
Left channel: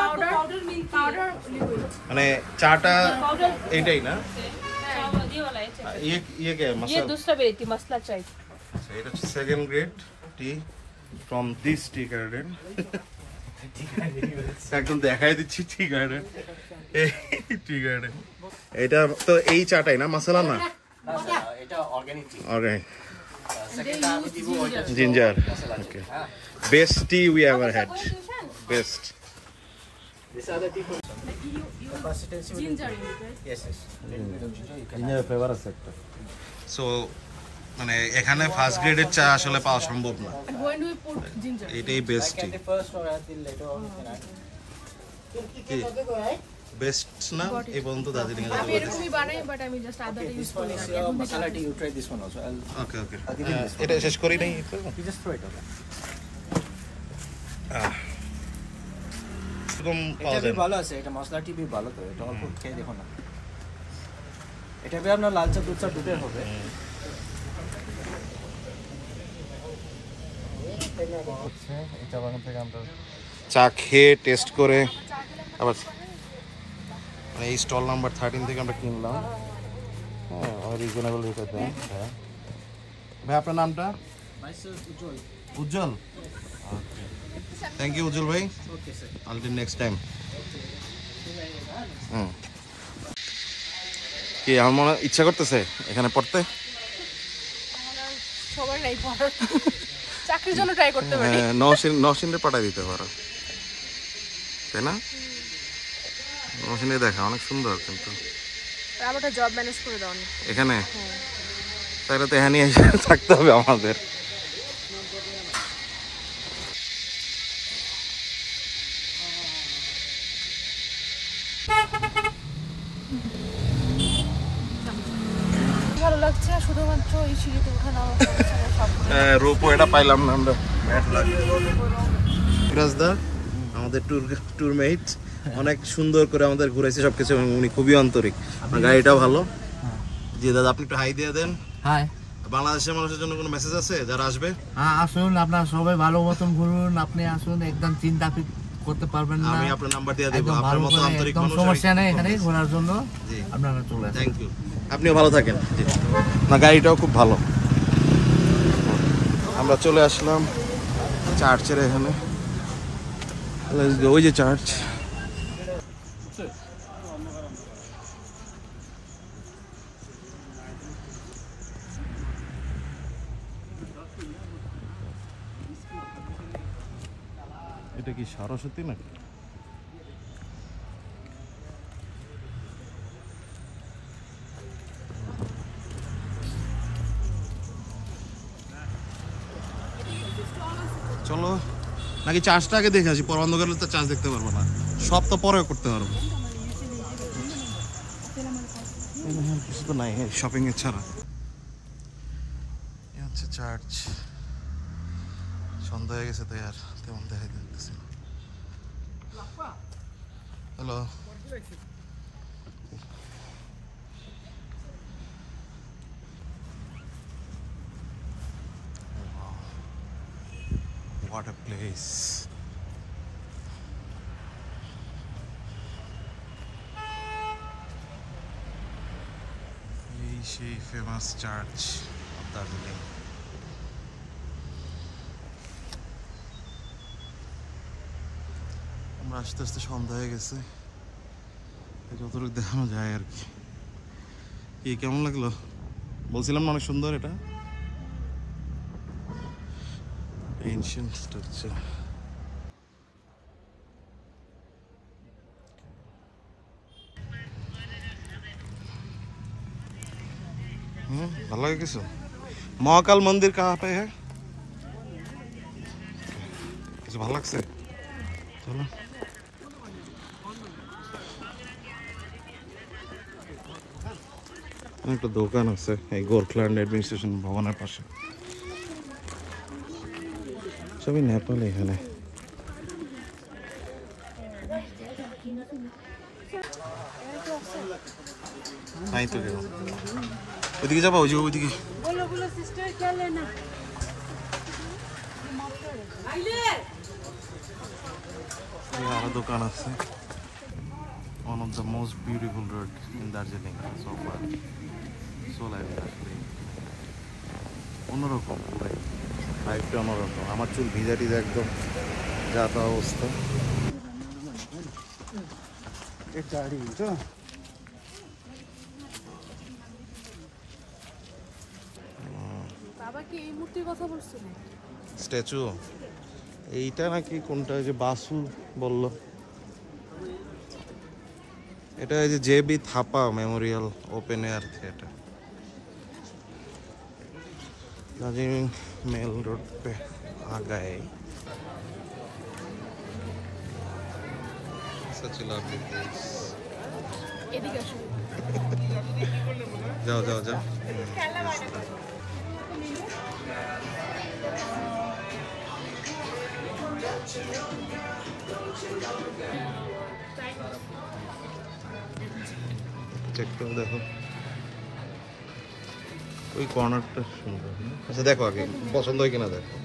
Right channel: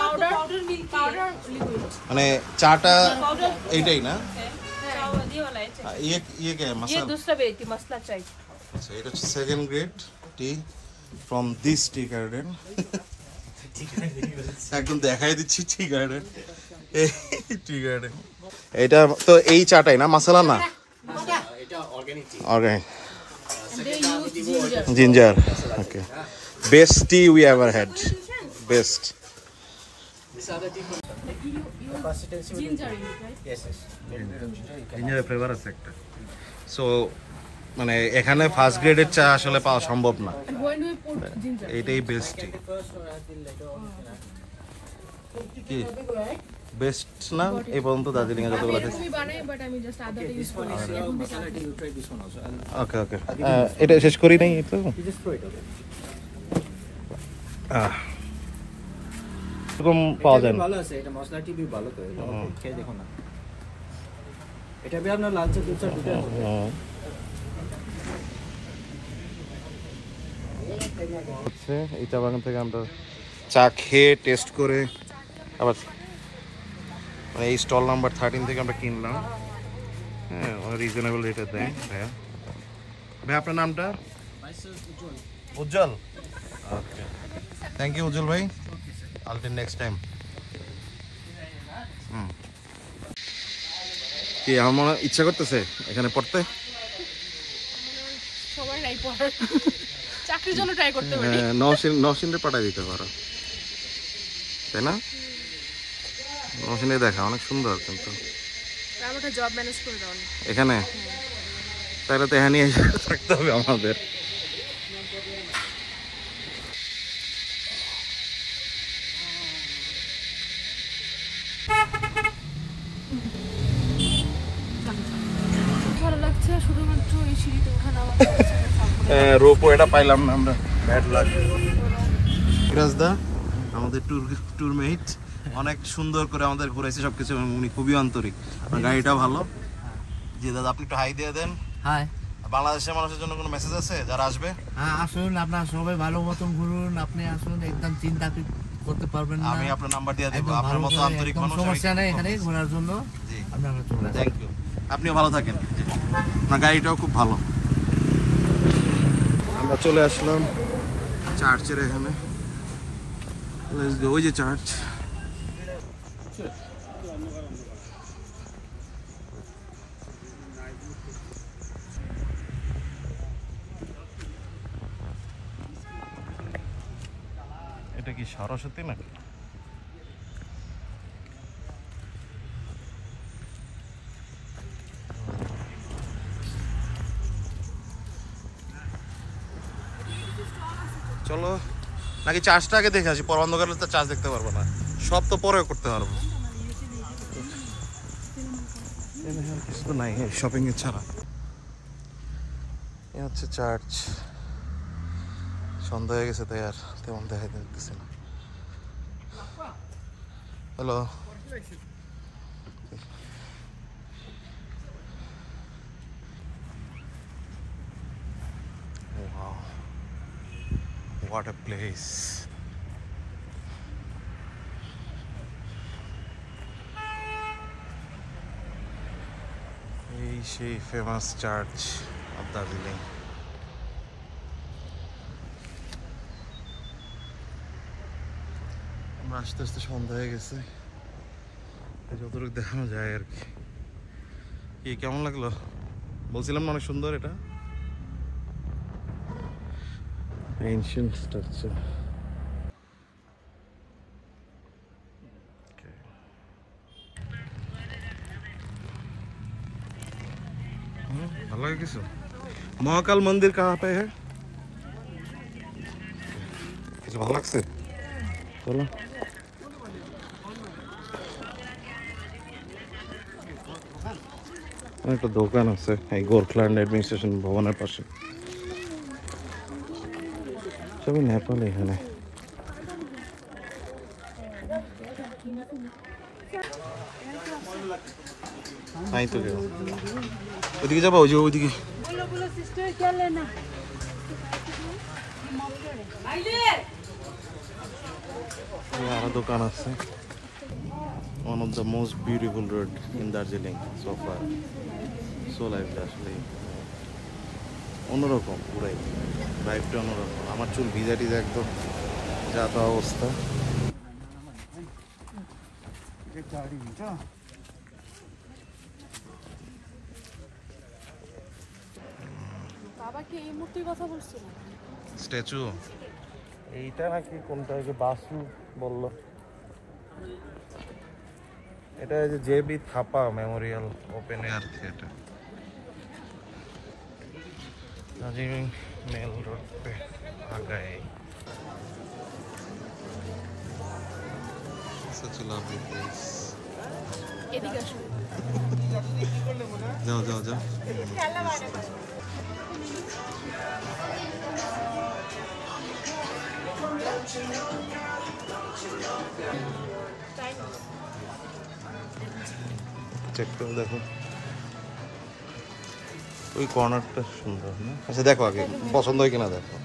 powder milk Powder liquid. মানে চাটা এইটাই না? चावल ये वाला है चाय। ये क्या है? ये मसाला? दूसरा वेराइटी मसला चाय। আচ্ছা, এটা হচ্ছে second grade T from this tea garden. একদম দেখাই দিচ্ছি টি গার্ডেন। টি গার্ডেন এটা তো এই চাটাই না, মশলা না? Organic ginger. Okay, best tea we ever had, best. জিঞ্জারের ফ্লেভার আছে একটা। সো মানে এখানে ফার্স্ট গ্রেডের চা আসলে পাওয়া সম্ভব না, এটাই বেস্ট টি। বেস্ট না এই পর্যন্ত দার্জিলিং এ আমি এরকমই বানাই, বাট আমি জাস্ট আদাটা ইউজ করি না এখন থেকে। ওকে ওকে, এটা শেষ করি নাই। এরকম পাওয়া যায় না। ভালো আছে এটা, মশলাটি भी ভালো, তো এটা অল্প খেয়ে দেখো না। এটা भी আপনার লাল চা দুধ চা দুটোই হবে। হচ্ছে এই চা বাগান থেকে আমরা চা খেয়ে টেস্ট করে আবার মানে এই স্টল নাম্বার 13 থেকে আমরা কিনলাম। হ্যাঁ, রিজনেবল রেটে দেয় ভাইয়া। ভাই আপনার নামটা? উজ্জ্বল। উজ্জ্বল, ওকে, থ্যাংক ইউ উজ্জ্বল ভাই। Okay sir, until next time. কি আমার মনে ইচ্ছা করতেছে এখানে পড়তে? সবার নাই পড়ার, চাকরির জন্য ট্রাই করতে পারি। হ্যাঁ, নওশিনে পাঠাই দিতে পারো, তাই না? নওশিনে দেখা অনেক সুন্দর, কিন্তু আমারটা জব ম্যানেজ করে দাও না এখানে, তাহলে তো এখানে এসে থাকতে হবে আমাদের। ভালো লাগছে শুধুমাত্র এই সিঁড়িতে ওঠা নামা রোপো এটা পাইলাম না আমরা, ব্যাড লাগ। দা আমাদের ট্যুর মেট অনেক সুন্দর করে আমাদের ঘুরাইছে সবকিছু, উনি খুবই আন্তরিক, গাড়িটাও ভালো। জি দাদা, আপনি একটু হাই দিয়ে দেন। হাই। বাংলাদেশের মানুষের জন্য কোনো মেসেজ আছে যারা আসবে? হ্যাঁ আসুন, আপনারা সবাই ভালো মতন ঘুরুন, আপনি আসুন, একদম চিন্তা করতে পারবেন না। আমি আপনার নাম্বার দিয়ে দেব, আপনার মতো আন্তরিক মানুষ সমস্যা নেই এখানে ঘোরার জন্য। জি আপনারা চলে থ্যাংক ইউ, আপনিও ভালো থাকেন। জি না, গাড়িটাও খুব ভালো। আমরা চলে আসলাম চার্চের এখানে, ওই যে চার্চ। এটা কি সরস্বতী নাকি? চলো নাকি চার্জটা আগে দেখে আসি, পর অন্ধকার হলে তো চার্জ দেখতে পারবো না, সব তো পরে করতে পারবো তো নাই শপিং এর ছাড়া। এ হচ্ছে চার্চ, সন্ধ্যা হয়ে গেছে তাই আর তেমন দেখাই দিতেছে না। Hello, wow, what a place. এই সেই ফেমাস চার্চ অফ দার্জিলিং। আমরা আস্তে আস্তে সন্ধ্যা হয়ে গেছে, যতটুকু দেখানো যায় আর কি। কেমন লাগলো? বলছিলাম অনেক সুন্দর এটা, এনশিয়েন্ট স্ট্রাকচার। ভালো লাগে কিছু? মহাকাল মন্দির কাহা পে হ্যাঁ? কিছু ভালো লাগছে? চলো একটা দোকান আছে এই গোরখল্যান্ড অ্যাডমিনিস্ট্রেশন ভবনের পাশে, সবই নেপাল এখানে। নাই তো কেউ, ওইদিকে যাবো, ওই যে ওইদিকে আরো দোকান আছে। One of the most beautiful road in Darjeeling so far. So like আসলে অন্যরকম পুরাই, ভাইবটা অন্যরকম। আমার চুল ভিজা টিজা একদম যা তো অবস্থা। বাবা কি এই মূর্তির কথা বলছিল? স্ট্যাচু এইটা নাকি কোনটা, যে বাসু বললো এটা, এই যে JB Thapa memorial open air theatre Darjeeling mall road पे आ गए। सच लवली प्लेस। এদিকে আসো। जाओ जाओ जाओ। चेक करो, देखो ওই কর্নারটা সুন্দর না? আচ্ছা দেখো আগে পছন্দ হয় কিনা দেখো।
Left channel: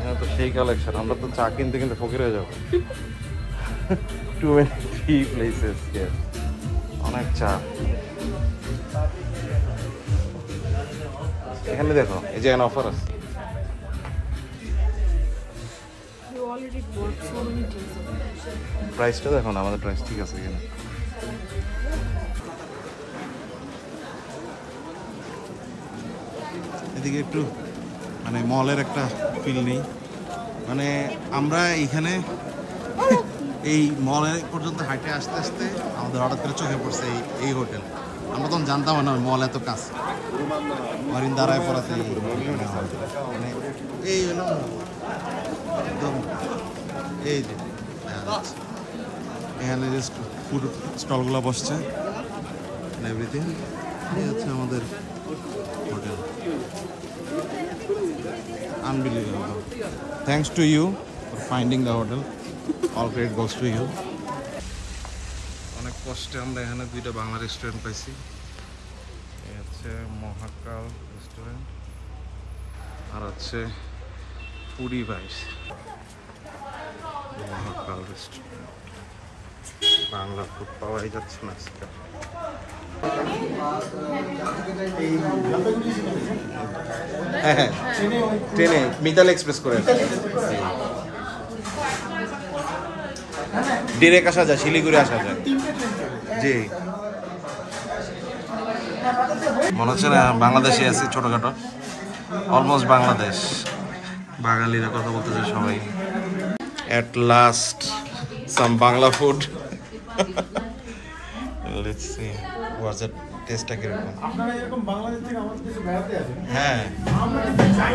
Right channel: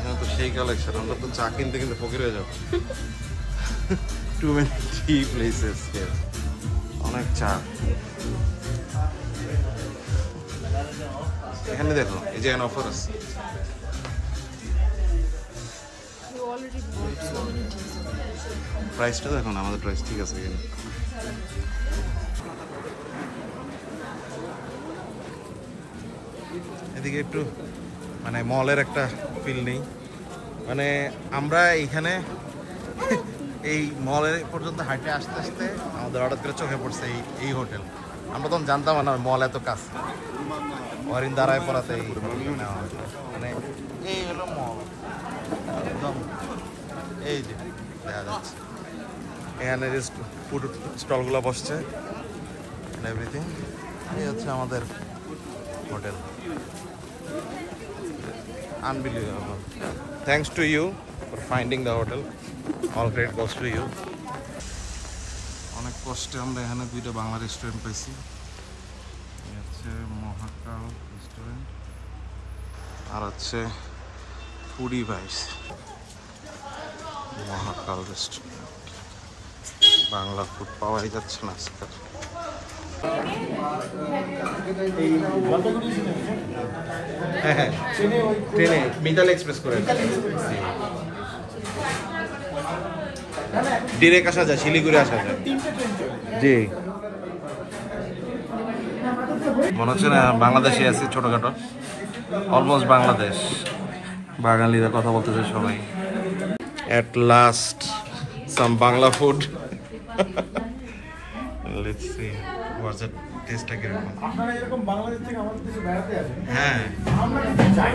হ্যাঁ তো সেই কালেকশন, আমরা তো চা কিনতে কিনতে ফকির হয়ে যাবো। Too many tea places here, অনেক চা। এখানে দেখো এই যে অফার আছে। প্রাইসটা দেখো না, আমাদের প্রাইস ঠিক আছে এখানে। এদিকে একটু মানে মলের একটা ফিল নেই, মানে আমরা এইখানে এই মলের পর্যন্ত হাঁটে আসতে আসতে আমাদের হঠাৎ করে চোখে পড়ছে এই হোটেল। আমরা তখন জানতাম না মল এত কাছে, অরিন দাঁড়ায় পড়াতে মানে এই হলো একদম, এই যে দেখা যাচ্ছে এখানে যে ফুড স্টলগুলো বসছে এভরিথিং। এই হচ্ছে আমাদের hotel. Unbelievable. Thanks to you for finding the hotel. All credit goes to you. অনেক কষ্টে আমরা এখানে দুইটা বাংলা রেস্টুরেন্ট পাইছি। এই হচ্ছে মহাকাল রেস্টুরেন্ট আর হচ্ছে ফুডি ভাইস। মহাকাল রেস্টুরেন্ট বাংলা ফুড পাওয়াই যাচ্ছে না আজকাল। হ্যাঁ হ্যাঁ ট্রেনে মিতাল এক্সপ্রেস করে ডিরেক্ট আসা যায়, শিলিগুড়ি আসা যায়। জি মনে হচ্ছে না বাংলাদেশে আছি ছোটখাটো, অলমোস্ট বাংলাদেশ। বাঙালিরা কথা বলতেছে সবাই। At last some Bangla food. Let's see what's the taste like. আপনারা এরকম বাংলাদেশ থেকে আমাদের দেশে বেড়াতে আসেন? হ্যাঁ আমরা কিন্তু চাই।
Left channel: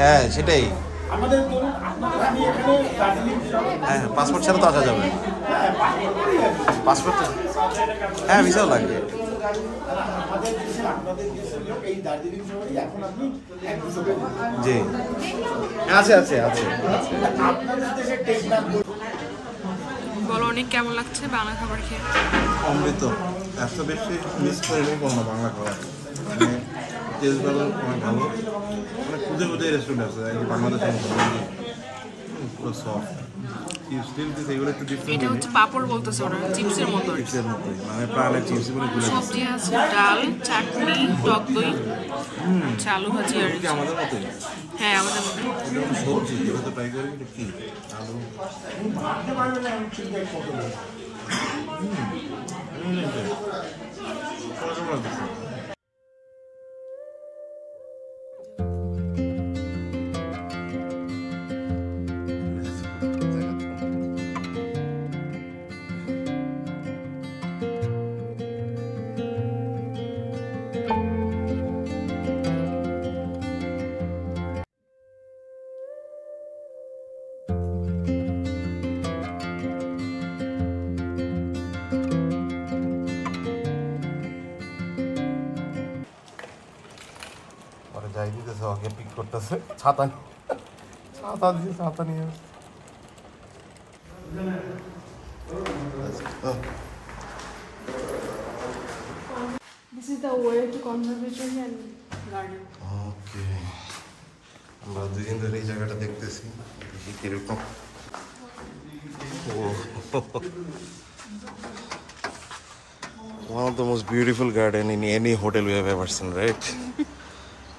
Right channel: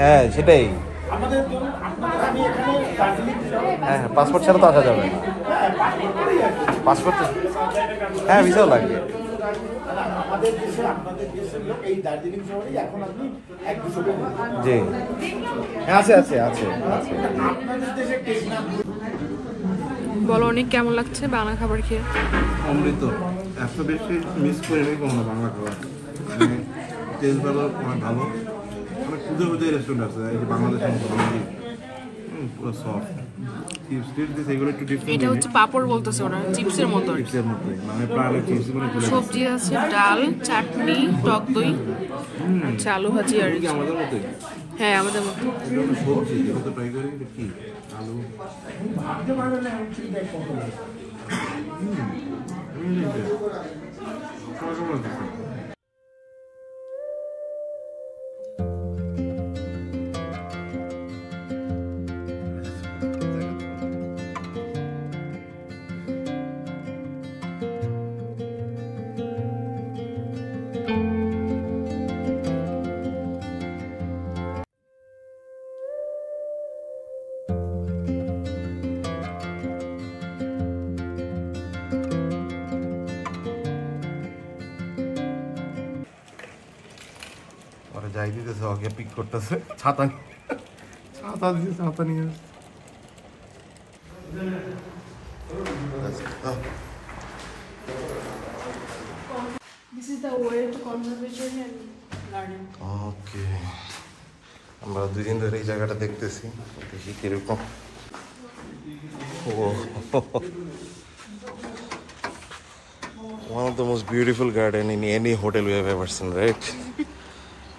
হ্যাঁ সেটাই। আমাদের ধরুন আপনাদের আমি এখানে দার্জিলিং হ্যাঁ পাসপোর্ট ছাড়া তো আসা যাবে না। পাসপোর্ট হ্যাঁ ভিসাও লাগবে। আমাদের দেশের লোক এই দার্জিলিং শহরে এখন আপনি এক বছর জি আছে আছে আছে। আপনাদের দেশের টেস্ট নাম বলো অনেক কেমন লাগছে বাংলা খাবার খেয়ে? অমৃত। এত বেশি মিস করে নেই কখনো বাংলা খাবার। টেস্ট ভালো, অনেক ভালো, অনেক খুঁজে খুঁজে রেস্টুরেন্ট আছে এই যে বাংলাদেশের মতো পুরো সফট। এটা হচ্ছে পাপড় বলতেছে ওরা, চিপসের মতো। চিপসের মতো মানে প্রাণের চিপস মানে সবজি আছে, ডাল, চাটনি, টক দই, আচ্ছা আলু ভাজি আর আমাদের মতোই। হ্যাঁ আমাদের মতো। এটা হলো সবজি, এটা তো ট্রাই করি কিন্তু কি আলু। যাই দিতেছে আগে পিক করতেছে, ছাতা দিছে, ছাতা নিয়ে This is the way to conservation and garden. ওকে আমরা দুদিন ধরে এই জায়গাটা দেখতেছি, দেখি কিরকম। ও One of the most beautiful garden in any hotel we have ever seen, right?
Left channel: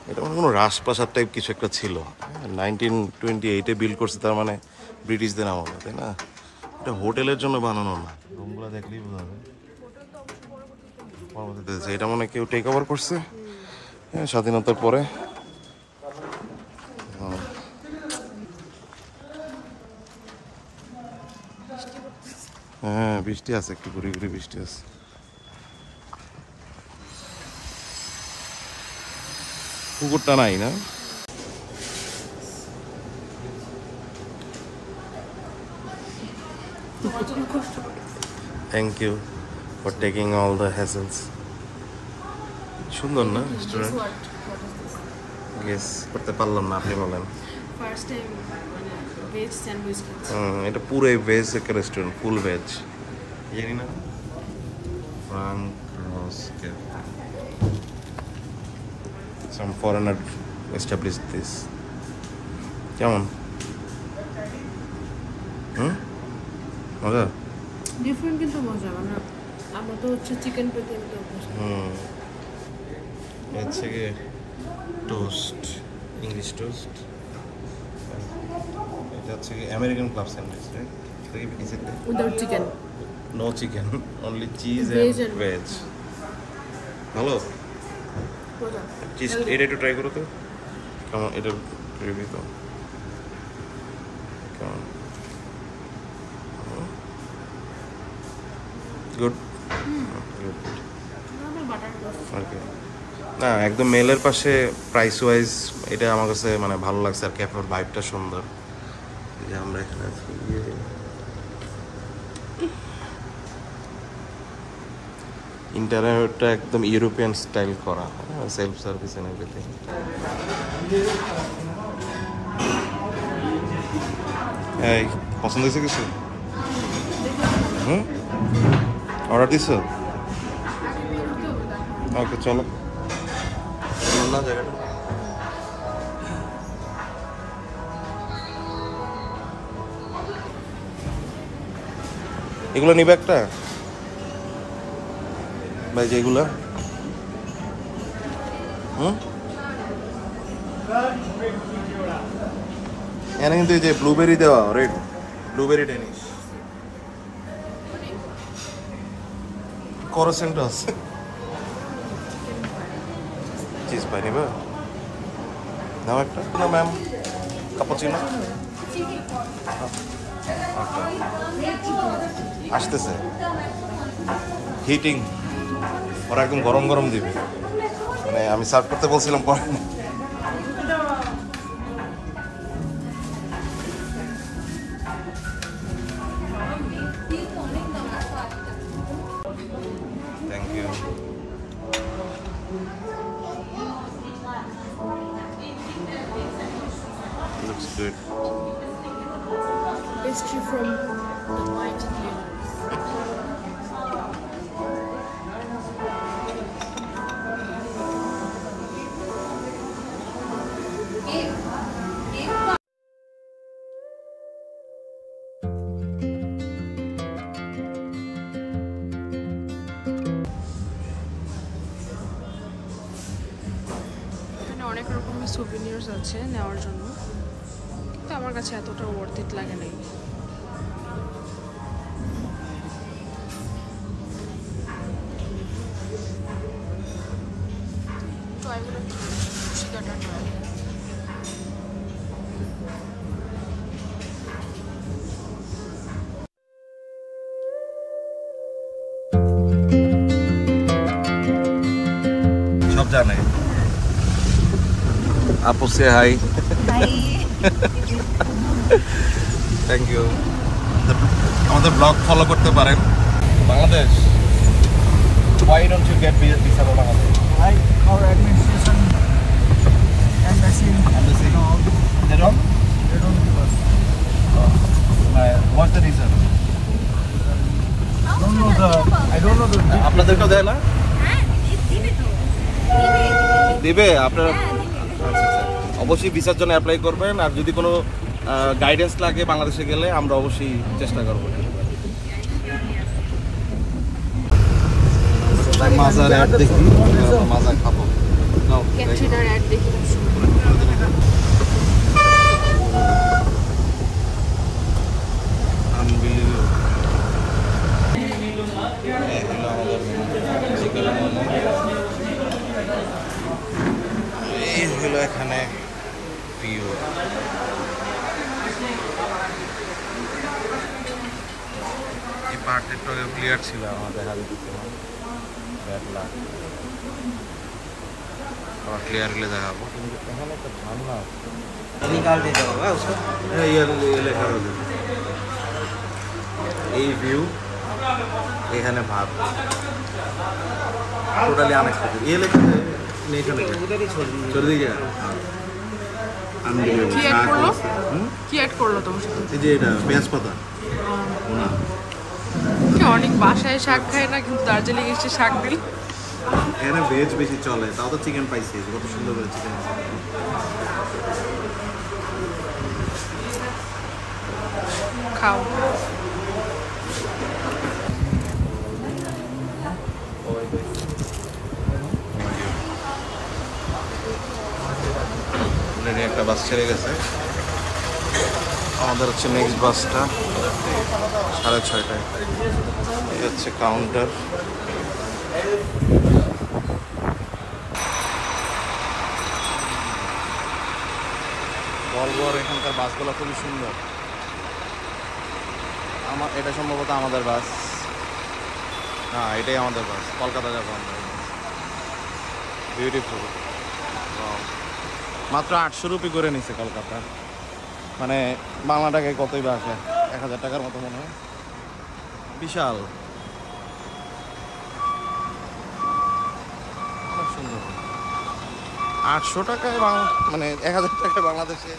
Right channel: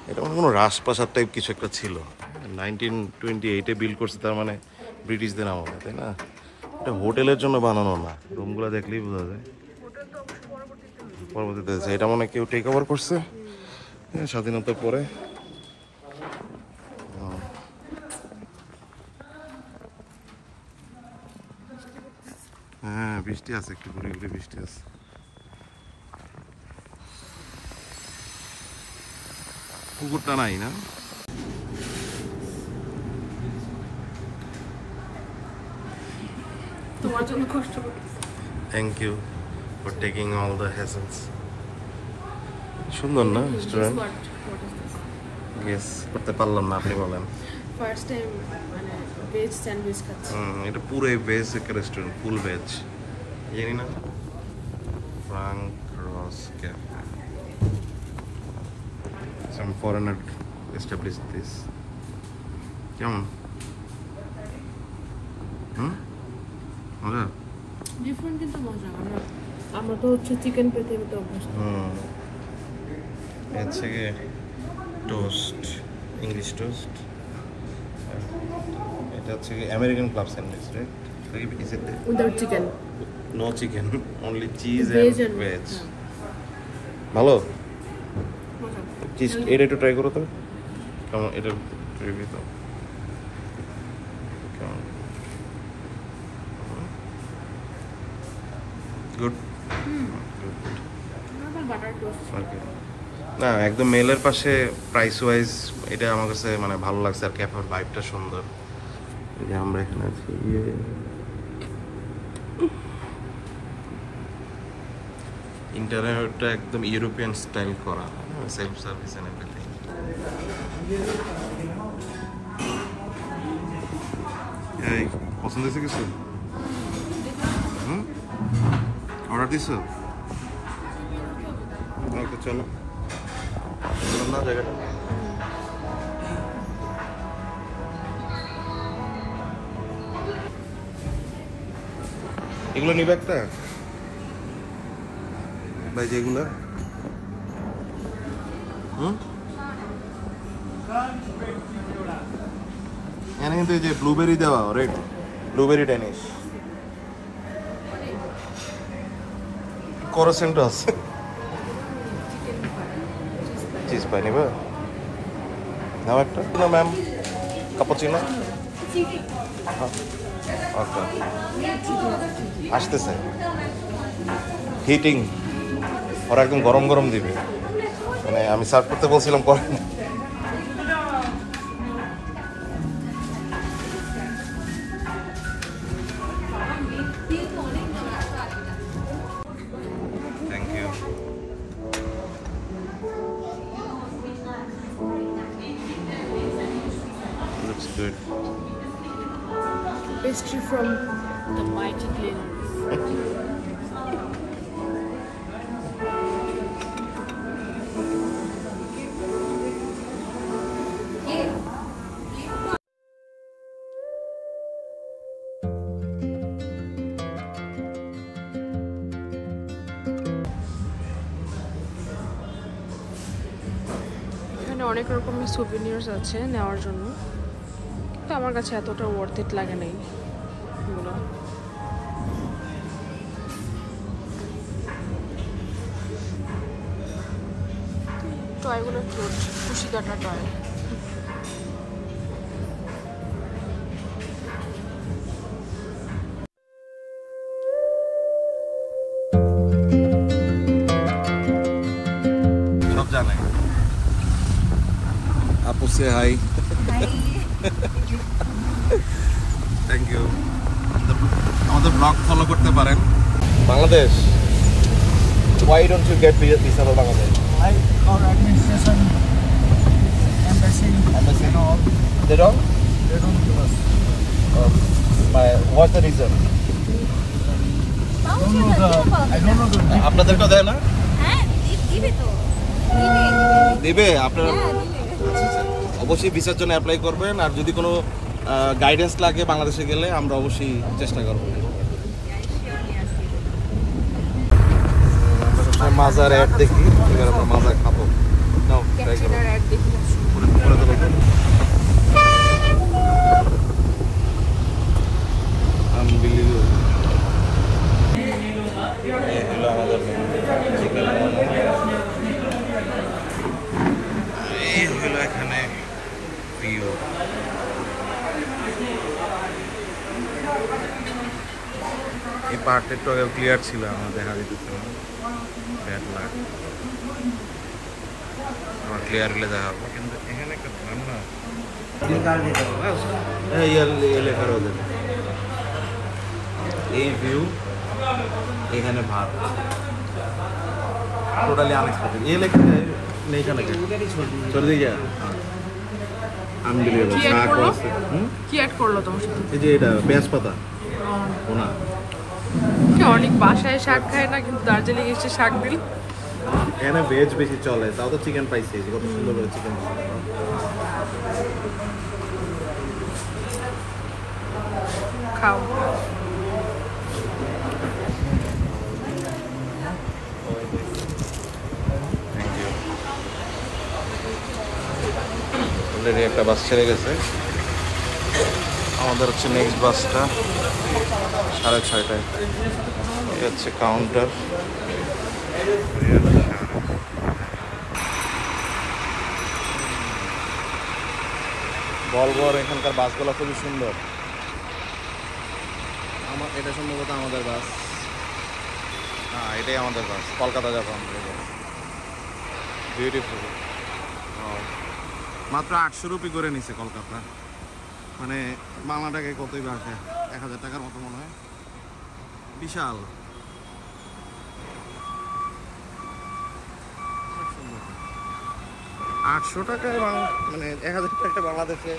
এটা মানে কোনো রাজপ্রাসাদ টাইপ কিছু একটা ছিল 1928-এ বিল্ড করছে, তার মানে ব্রিটিশদের আমলে, তাই না? এটা হোটেলের জন্য বানানো না, রুমগুলো দেখলেই বোঝা যায়। পরবর্তীতে এটা মনে কেউ টেক ওভার করছে স্বাধীনতার পরে। হ্যাঁ বৃষ্টি আছে, একটু ঘুরে ঘুরে বৃষ্টি আছে। পুকুরটা নাই না? Thank you for taking all the hassles. সুন্দর না রেস্টুরেন্ট? গেস করতে পারলাম না, আপনি বলেন। ফার্স্ট টাইম মানে ভেজ স্যান্ডউইচ খাচ্ছি। এটা পুরোই ভেজ একটা রেস্টুরেন্ট, ফুল ভেজ। জানি না ফ্রাঙ্ক রস cafe, some foreigner establish this. কেমন? মজা? ডিফারেন্ট কিন্তু মজা। আমরা তো হচ্ছে চিকেন পেতে তো অভ্যাস। হচ্ছে কি টোস্ট, ইংলিশ টোস্ট। এটা হচ্ছে কি American club sandwich, right? Without chicken. No chicken, only cheese veg and veg. ভালো মজা। চিজ এটা একটু ট্রাই করো তো, কেমন? এটা রিভিউ তো কেমন? Good good. আমার বাটার টোস্ট। ওকে, না একদম মেলের পাশে প্রাইস ওয়াইজ এটা আমার কাছে মানে ভালো লাগছে, আর ক্যাফের ভাইবটা সুন্দর। যে আমরা এখানে ইন্টারনেটটা একদম ইউরোপিয়ান স্টাইল করা, সেলফ সার্ভিস এন্ড এভরিথিং। এই পছন্দ হয়েছে কিছু? অর্ডার দিছো? ওকে চলো না জায়গাটা। এগুলো নিবে একটা ভাই, যেগুলা এখানে কিন্তু এই যে ব্লুবেরি দেওয়া, রেড ব্লুবেরি ডেনিশ করসেন্ট আছে। চিজ পাই নিবা? নাও একটা না ম্যাম, কাপুচিনো। ওকে আসতেছে, হিটিং। ওরা একদম গরম গরম দিবে, মানে আমি সার্ভ করতে বলছিলাম করে না। Thank you. Looks good. Pastry from the mighty cleaners. এখানে অনেক রকমের সুভিনিয়ার্স আছে নেওয়ার জন্য, তো আমার কাছে এতটা ওয়ার্থ ইট লাগে নাই এগুলো। টয়গুলো কিউট, খুশিদাটা টয়। সব জানে। আপু সে হাই। Thank you. আমাদের ব্লগ ফলো করতে পারেন। Bangladesh, why don't you get visa for Bangladesh? Like our administration, embassy, They don't? they don't give us. What's the reason? I don't know the আপনাদেরকেও দেয় না? দিবে আপনারা? আচ্ছা আচ্ছা, অবশ্যই ভিসার জন্য অ্যাপ্লাই করবেন, আর যদি কোনো গাইডেন্স লাগে বাংলাদেশে গেলে আমরা অবশ্যই চেষ্টা করবো। মাজার অ্যাড দেখি, এবার আমরা মাজা খাবো। নাও ট্রাই করো। ক্যাটরিনার অ্যাড দেখি। করে দেবো তো। Unbelievable. এই হলো আমাদের চিকেন মোমো। এই হলো এখানে ভিউ। এই পার্টটা একটু আগে ক্লিয়ার ছিল, আমার দেখা যেত ব্যাড লাগ। আমার ক্লিয়ার হলে দেখাবো, কিন্তু এখানে একটা ঝামেলা আছে। লেখা রয়েছে এই ভিউ, এখানে ভাত, টোটালি আনএক্সপেক্টেড। এই লেখা নেই এখানে তোর দিকে আনবিলিভেবল। কি অ্যাড করলো তোমার সাথে? এই যে এটা পেঁয়াজ পাতা ওনা। অনেক বাসায় শাক খায় না, কিন্তু দার্জিলিং এসে শাক দিল। এখানে ভেজ বেশি চলে, তাও তো চিকেন পাইছি, কত সুন্দর করে চিকেন। খাও। Thank you. অলরেডি একটা বাস ছেড়ে গেছে, আমাদের হচ্ছে নেক্সট বাসটা 6:30টায়। এটা হচ্ছে কাউন্টার। বলবর এখানকার বাসগুলো খুবই সুন্দর। এটা সম্ভবত আমাদের বাস। হ্যাঁ, এটাই আমাদের বাস, কলকাতা যাবো আমরা। এই বাস বিউটিফুল। মাত্র 800 রুপি করে নিছে কলকাতা, মানে বাংলা টাকায় কতই বা আসে, 1000 টাকার মতো মনে হয়। বিশাল, অনেক সুন্দর। 800 টাকায় মানে 1000 টাকায় বাংলাদেশে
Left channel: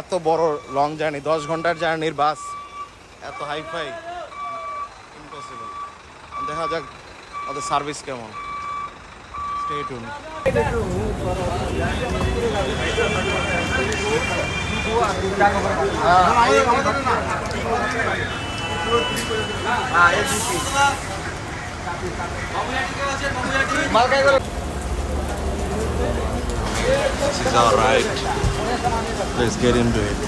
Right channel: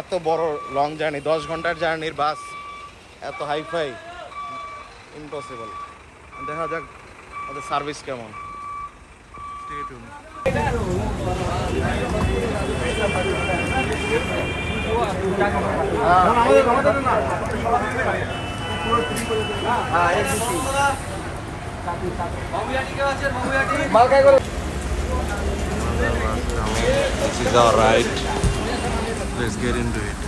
এত বড় লং জার্নি, 10 ঘন্টার জার্নির বাস এত হাইফাই, ইম্পসিবল। দেখা যাক ওদের সার্ভিস কেমন। Stay tune. This is our ride. Let's get into it.